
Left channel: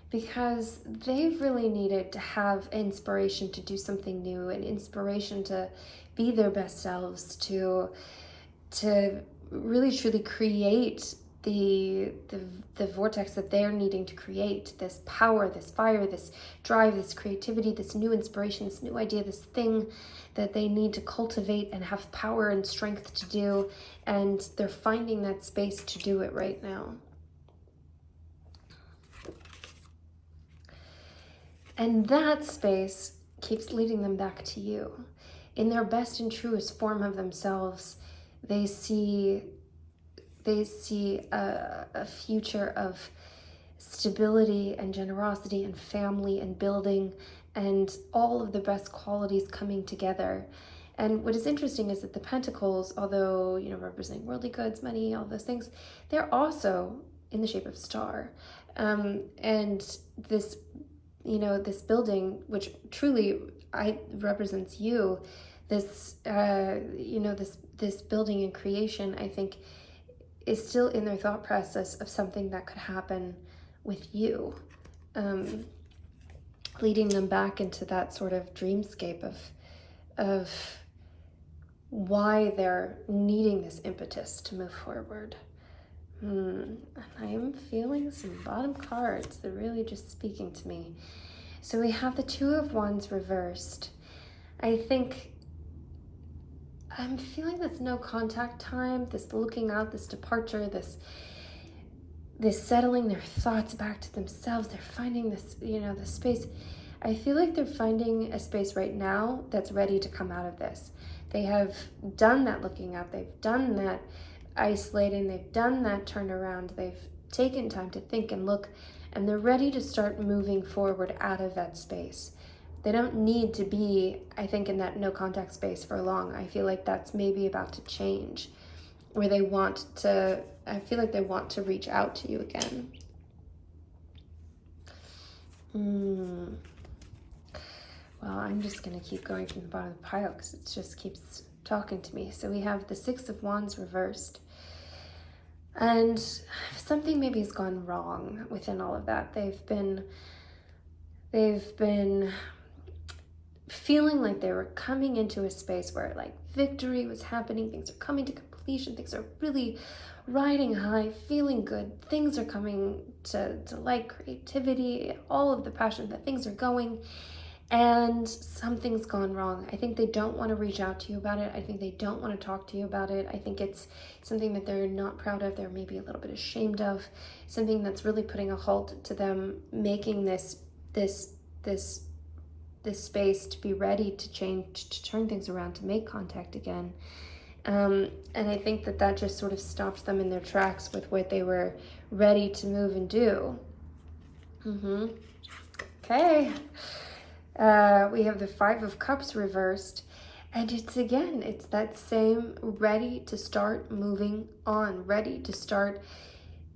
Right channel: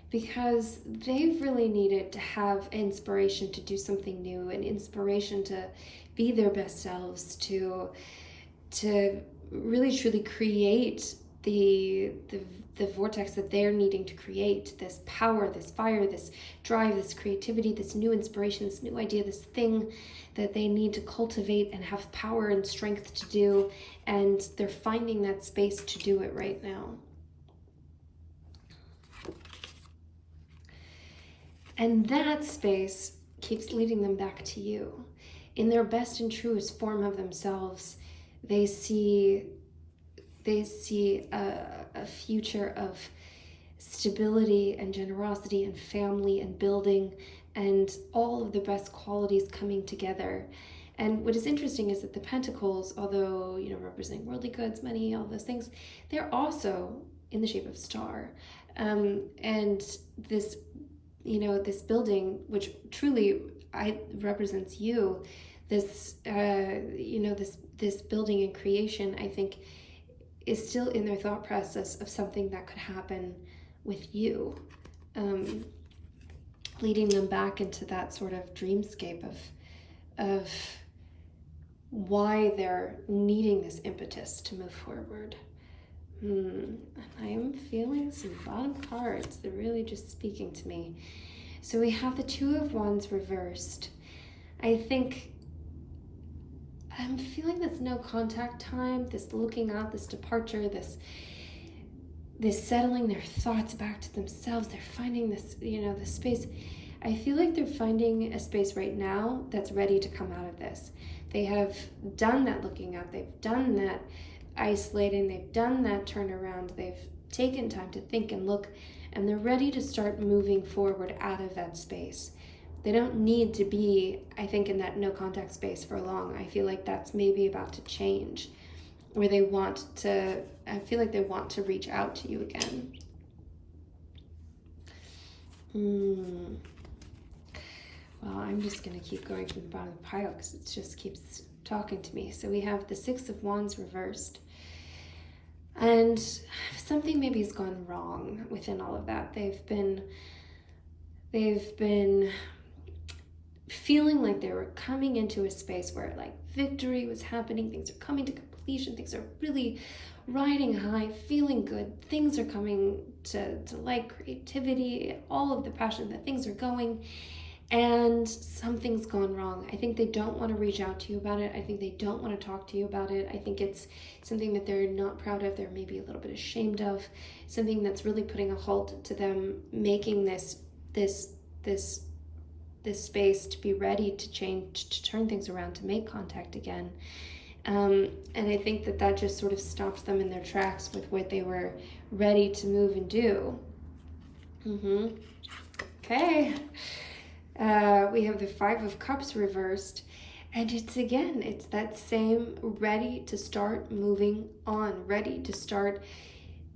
because they've really needed to have inspiration to do something new, and inspiration to be their best selves, to really truly create the vortex that they're needing to create, this power, this fire, this drive, this creativity, this new inspiration, this new idea, this thing that they need to cultivate and have power and strength to do, and they're finding that space to do it right now. And that space keeps leading them back to you. In their best and truest form of themselves, they see a future of stability and generosity and family and building and all of the best qualities coming together. And what is interesting is that the pentacles, although, representing worldly goods, money, all those things, they're also in the shape of star. And this, this building, which truly represents you, this, this building and creation, I think, is still in their thought process of something that could happen with you, leading them back into that sort of dreamscape of why they're needing this impetus to move forward. I'm feeling some bottom cards. They're really just speaking to me. So we have the Two of Wands reversed. I think I'm feeling this no contact time, this looking out, this departure, this settling their thoughts back to themselves. They're finding this, this space. I feel like they're finding a space right now that's ready to come out of this. They have done that looking out. They've done that isolating. They've done that turnaround. They've taken time to think and look, and they're ready to start moving forward out of that space. They don't need to be, I think, in that no contact space for long. I feel like that's maybe about to change, where I feel like they want to reach out to you again. Well, I'm just going to keep going from the bottom of the pile because it just keeps talking to me. So we have the Six of Wands reversed. And something maybe has gone wrong within all of that. They've been feeling like they were coming into a space where like victory was happening, things are coming to completion, things are really riding high, feeling good, things are coming to light, creativity, all of the passion that things are going, and something's gone wrong. I think they don't want to reach out to you about it. I think they don't want to talk to you about it. I think it's something that they're not proud of, they're maybe a little bit ashamed of, something that's really putting a halt to them making this space to be ready to change, to turn things around, to make contact again. And I think that just sort of stopped them in their tracks with what they were ready to move and do. Okay. We have the Five of Cups reversed. And it's that same ready to start moving on, ready to start.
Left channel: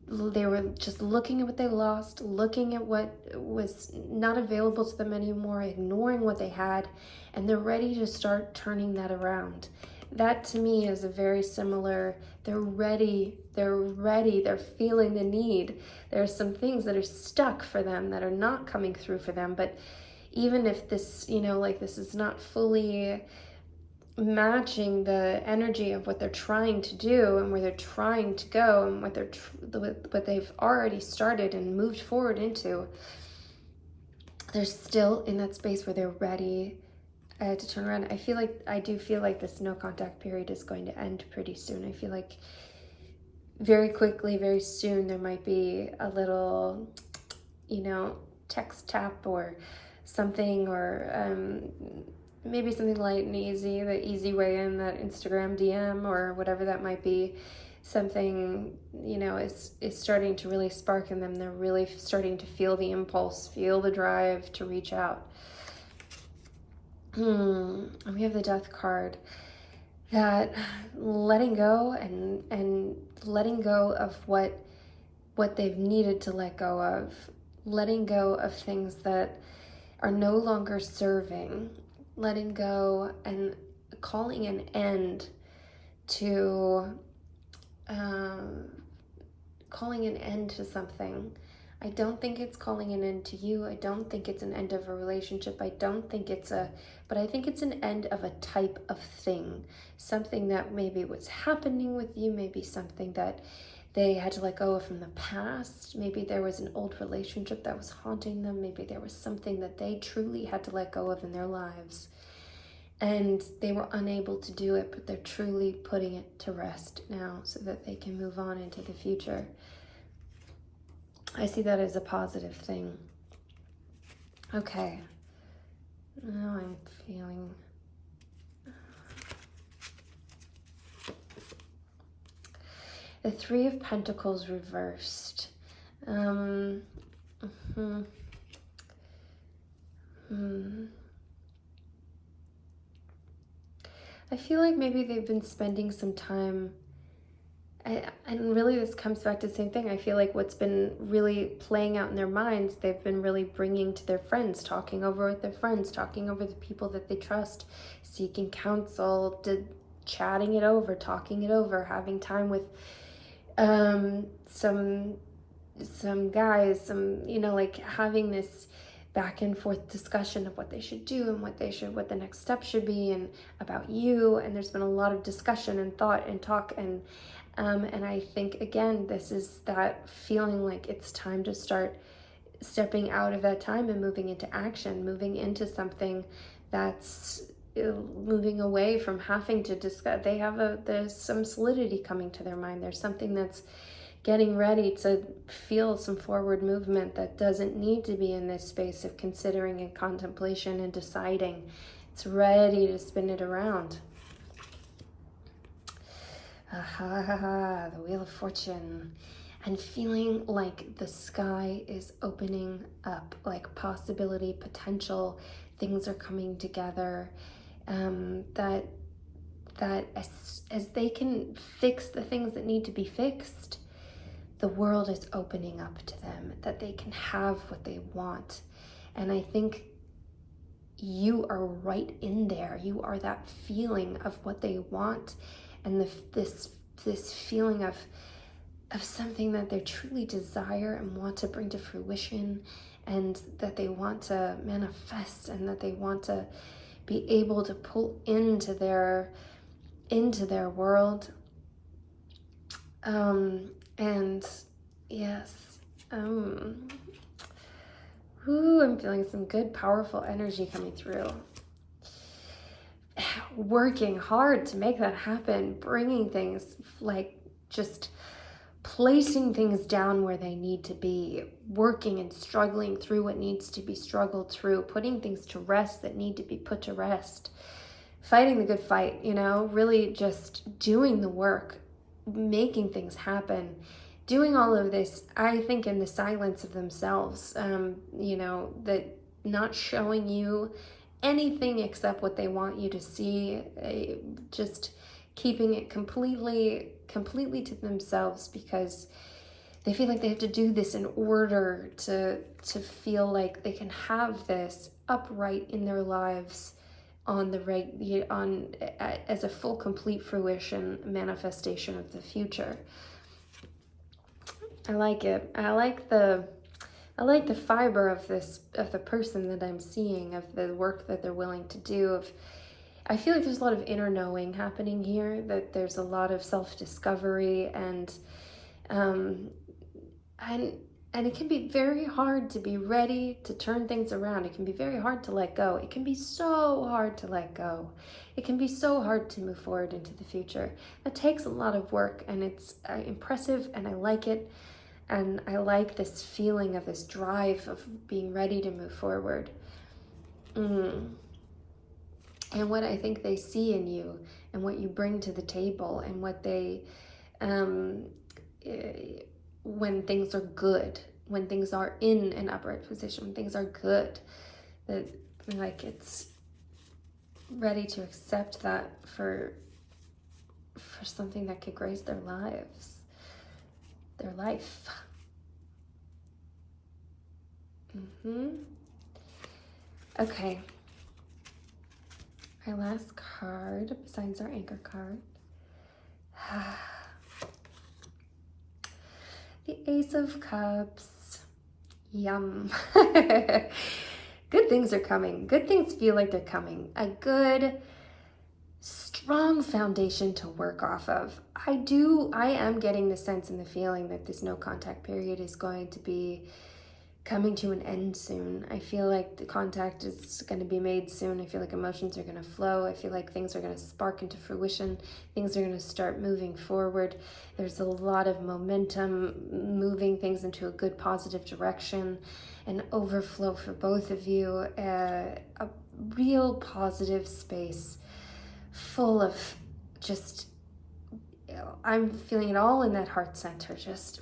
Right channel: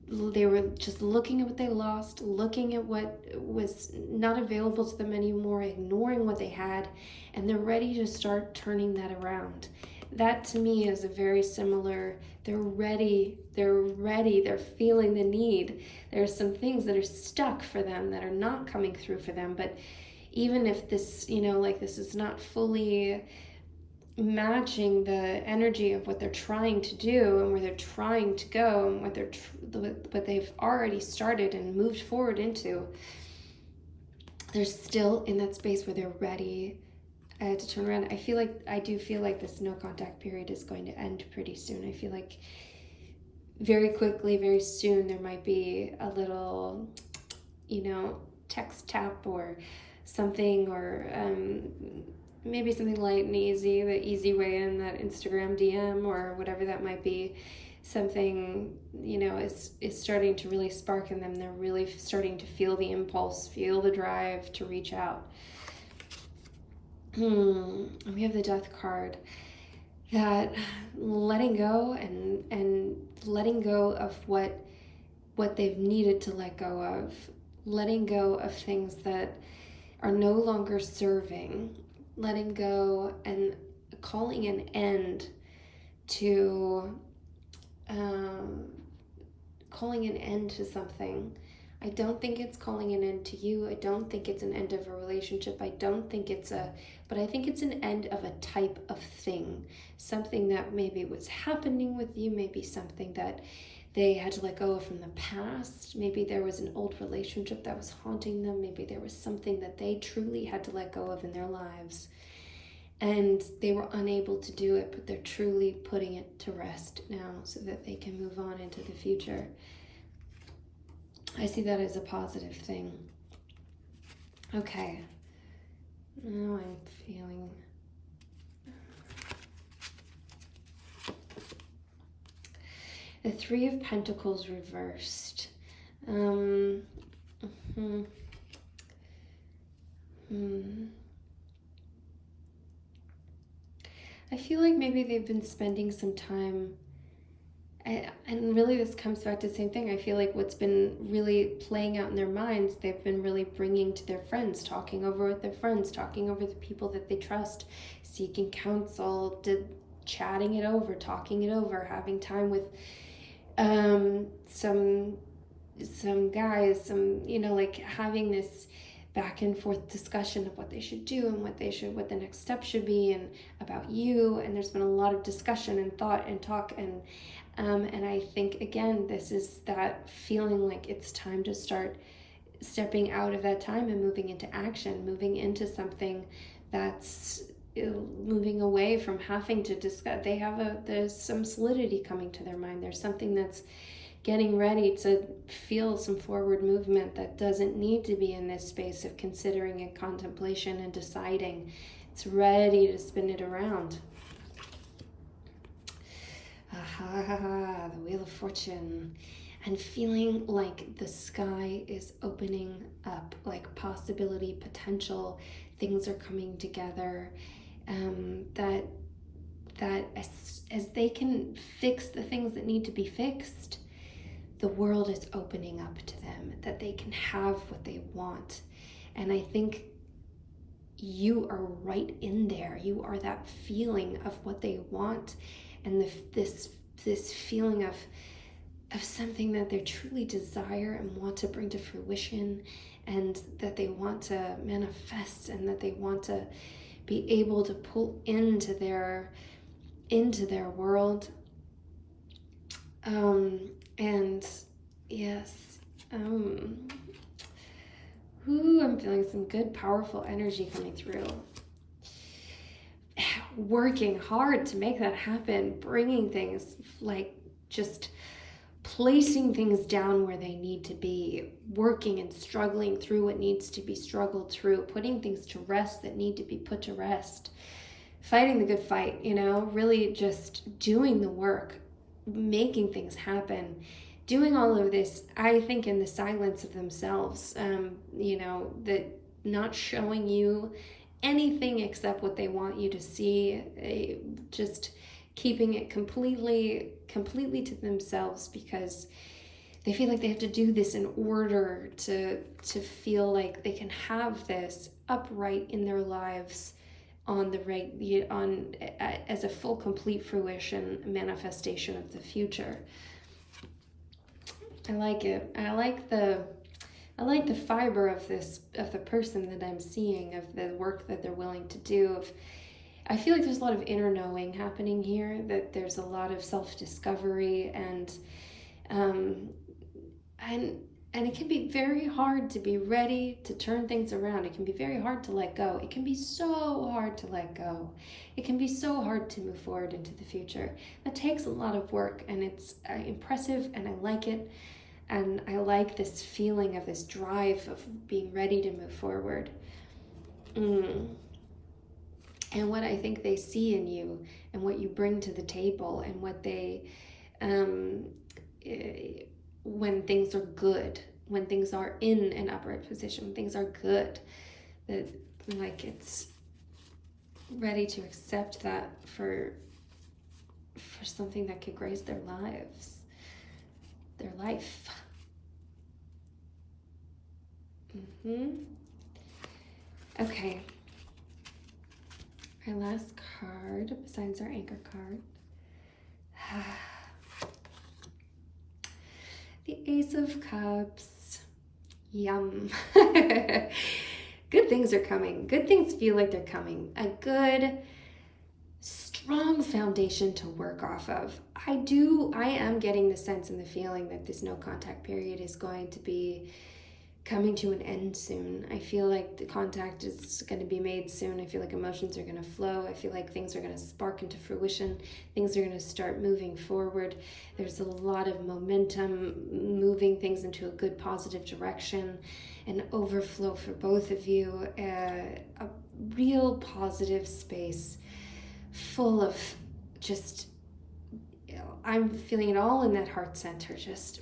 They were just looking at what they lost, looking at what was not available to them anymore, ignoring what they had, and they're ready to start turning that around. That to me is a very similar, they're ready, they're feeling the need. There are some things that are stuck for them that are not coming through for them, but even if this, this is not fully matching the energy of what they're trying to do and where they're trying to go and what they've already started and moved forward into, they're still in that space where they're ready to turn around. I do feel like this no contact period is going to end pretty soon. I feel like very quickly, very soon, there might be a little, text tap or something, or maybe something light and easy, the easy way in, that Instagram DM or whatever that might be. Something, is starting to really spark in them. They're really starting to feel the impulse, feel the drive to reach out. And we have the Death card. That letting go and letting go of what they've needed to let go of. Letting go of things that are no longer serving. Letting go and calling an end to something. I don't think it's calling an end to you. I don't think it's an end of a relationship. But I think it's an end of a type of thing. Something that maybe was happening with you, maybe something that they had to let go of from the past. Maybe there was an old relationship that was haunting them. Maybe there was something that they truly had to let go of in their lives. And they were unable to do it, but they're truly putting it to rest now so that they can move on into the future. I see that as a positive thing. Okay. Now I'm feeling... The Three of Pentacles reversed. I feel like maybe they've been spending some time, and really this comes back to the same thing. I feel like what's been really playing out in their minds, they've been really bringing to their friends, talking over with their friends, talking over the people that they trust, seeking counsel, chatting it over, talking it over, having time with some guys, like having this back and forth discussion of what they should do and what the next step should be, and about you. And there's been a lot of discussion and thought and talk, and I think again, this is that feeling like it's time to start stepping out of that time and moving into action, moving into something that's moving away from having to discuss. There's some solidity coming to their mind. There's something that's getting ready to feel some forward movement that doesn't need to be in this space of considering and contemplation and deciding. It's ready to spin it around. The Wheel of Fortune. And feeling like the sky is opening up, like possibility, potential, things are coming together. That as they can fix the things that need to be fixed, the world is opening up to them, that they can have what they want. And I think you are right in there. You are that feeling of what they want, and this feeling of something that they truly desire and want to bring to fruition, and that they want to manifest, and that they want to be able to pull into their world. And yes, I'm feeling some good, powerful energy coming through. Working hard to make that happen, bringing things, like just placing things down where they need to be, working and struggling through what needs to be struggled through, putting things to rest that need to be put to rest, fighting the good fight, really just doing the work, making things happen, doing all of this, I think, in the silence of themselves, that not showing you anything except what they want you to see, just keeping it completely to themselves, because they feel like they have to do this in order to feel like they can have this upright in their lives as a full, complete fruition, manifestation of the future. I like it. I like the fiber of the person that I'm seeing, of the work that they're willing to do. I feel like there's a lot of inner knowing happening here, that there's a lot of self-discovery, and it can be very hard to be ready to turn things around. It can be very hard to let go. It can be so hard to let go. It can be so hard to move forward into the future. That takes a lot of work, and it's impressive, and I like it. And I like this feeling of this drive of being ready to move forward. And what I think they see in you, and what you bring to the table, and what they, when things are good, when things are in an upright position, when things are good, that like it's ready to accept that for something that could grace their lives, their life. Okay. Our last card, besides our anchor card. The Ace of Cups. Yum. Good things are coming. Good things feel like they're coming. A good, strong foundation to work off of. I am getting the sense and the feeling that this no contact period is going to be coming to an end soon. I feel like the contact is going to be made soon. I feel like emotions are going to flow. I feel like things are going to spark into fruition. Things are going to start moving forward. There's a lot of momentum, moving things into a good, positive direction, an overflow for both of you, a real positive space full of just, I'm feeling it all in that heart center, just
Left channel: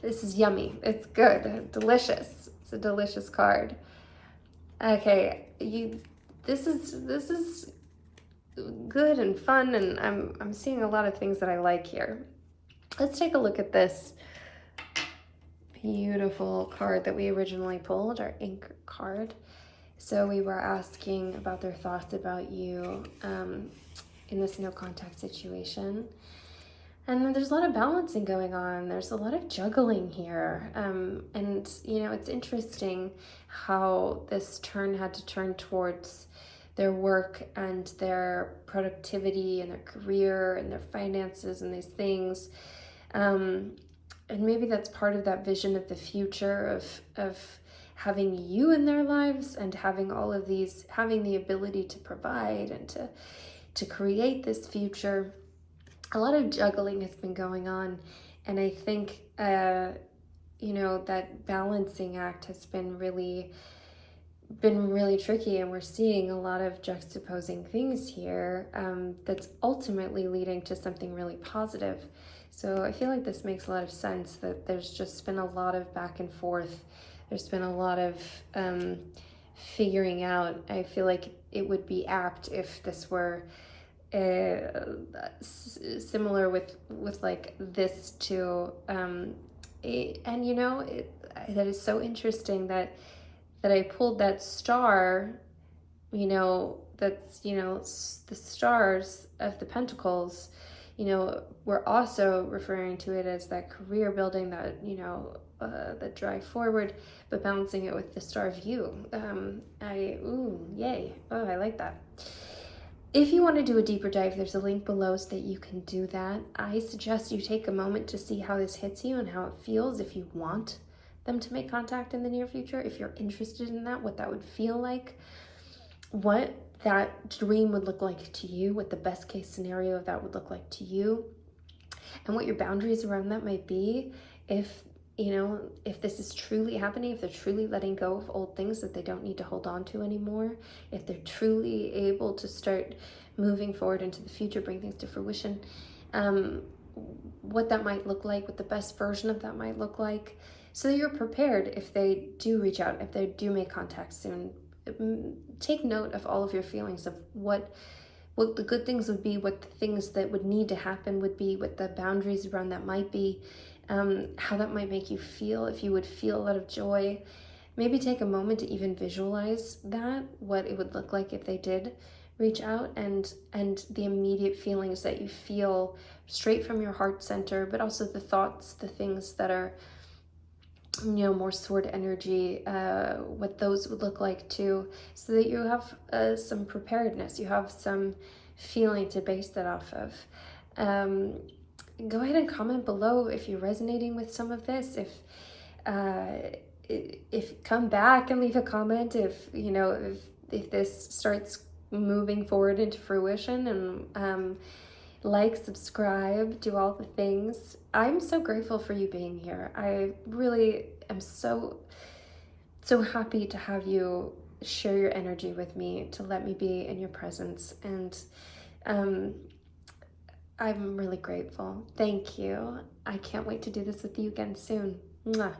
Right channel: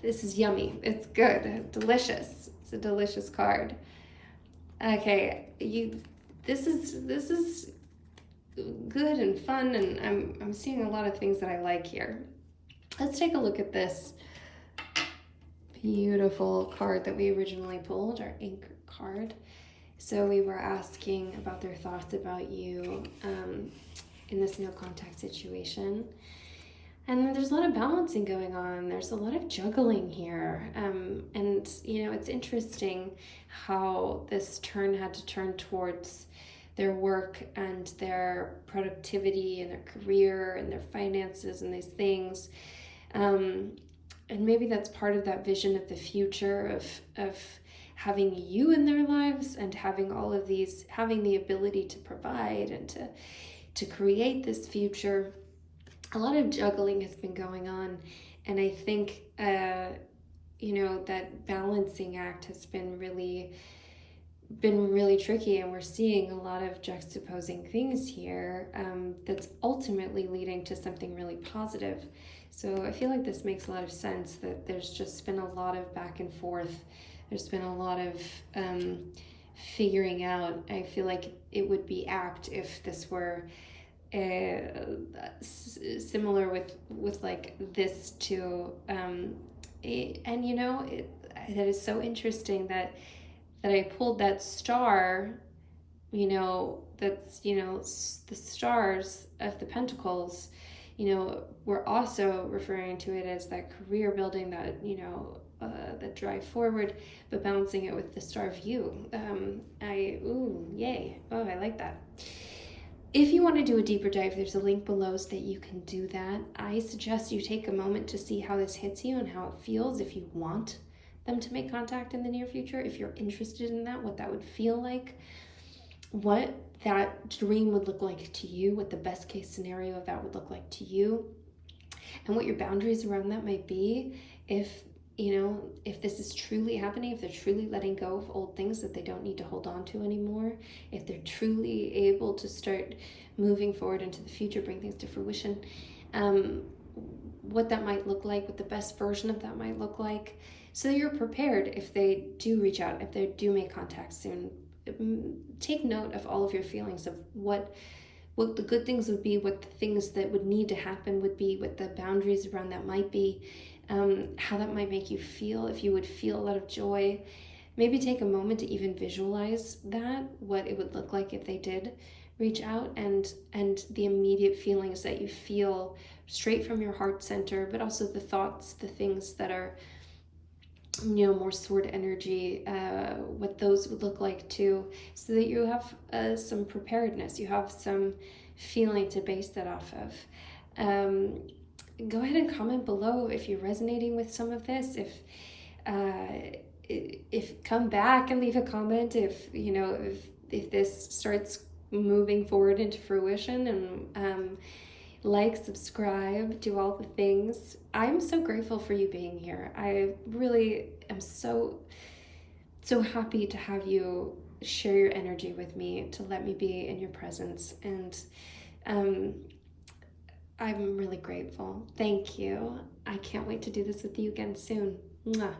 this is yummy. It's good. Delicious. It's a delicious card. Okay, this is good and fun, and I'm seeing a lot of things that I like here. Let's take a look at this beautiful card that we originally pulled, our ink card. So we were asking about their thoughts about you in this no contact situation. And there's a lot of balancing going on. There's a lot of juggling here. And, you know, it's interesting how this turn had to turn towards their work and their productivity and their career and their finances and these things. And maybe that's part of that vision of the future of having you in their lives and having all of these, having the ability to provide and to create this future. A lot of juggling has been going on, and I think you know, that balancing act has been really tricky, and we're seeing a lot of juxtaposing things here that's ultimately leading to something really positive. So I feel like this makes a lot of sense, that there's just been a lot of back and forth. There's been a lot of figuring out. I feel like it would be apt if this were similar with like this to and you know, that is so interesting that I pulled that star, you know, that's, you know, the stars of the pentacles. You know, we're also referring to it as that career building, that, you know, that drive forward, but balancing it with the star of you. Yay. Oh, I like that. If you want to do a deeper dive, there's a link below so that you can do that. I suggest you take a moment to see how this hits you and how it feels, if you want them to make contact in the near future, if you're interested in that, what that would feel like, what that dream would look like to you, what the best case scenario of that would look like to you, and what your boundaries around that might be. If, you know, if this is truly happening, if they're truly letting go of old things that they don't need to hold on to anymore, if they're truly able to start moving forward into the future, bring things to fruition, what that might look like, what the best version of that might look like, so that you're prepared if they do reach out, if they do make contact soon. Take note of all of your feelings, of what the good things would be, what the things that would need to happen would be, what the boundaries around that might be, how that might make you feel, if you would feel a lot of joy. Maybe take a moment to even visualize that, what it would look like if they did reach out, and the immediate feelings that you feel straight from your heart center, but also the thoughts, the things that are, you know, more sword energy, what those would look like too, so that you have some preparedness, you have some feeling to base that off of. Go ahead and comment below if you're resonating with some of this. If come back and leave a comment if, you know, if this starts moving forward into fruition, and like, subscribe, do all the things. I'm so grateful for you being here. I really am so happy to have you share your energy with me, to let me be in your presence, and I'm really grateful. Thank you. I can't wait to do this with you again soon. Mwah.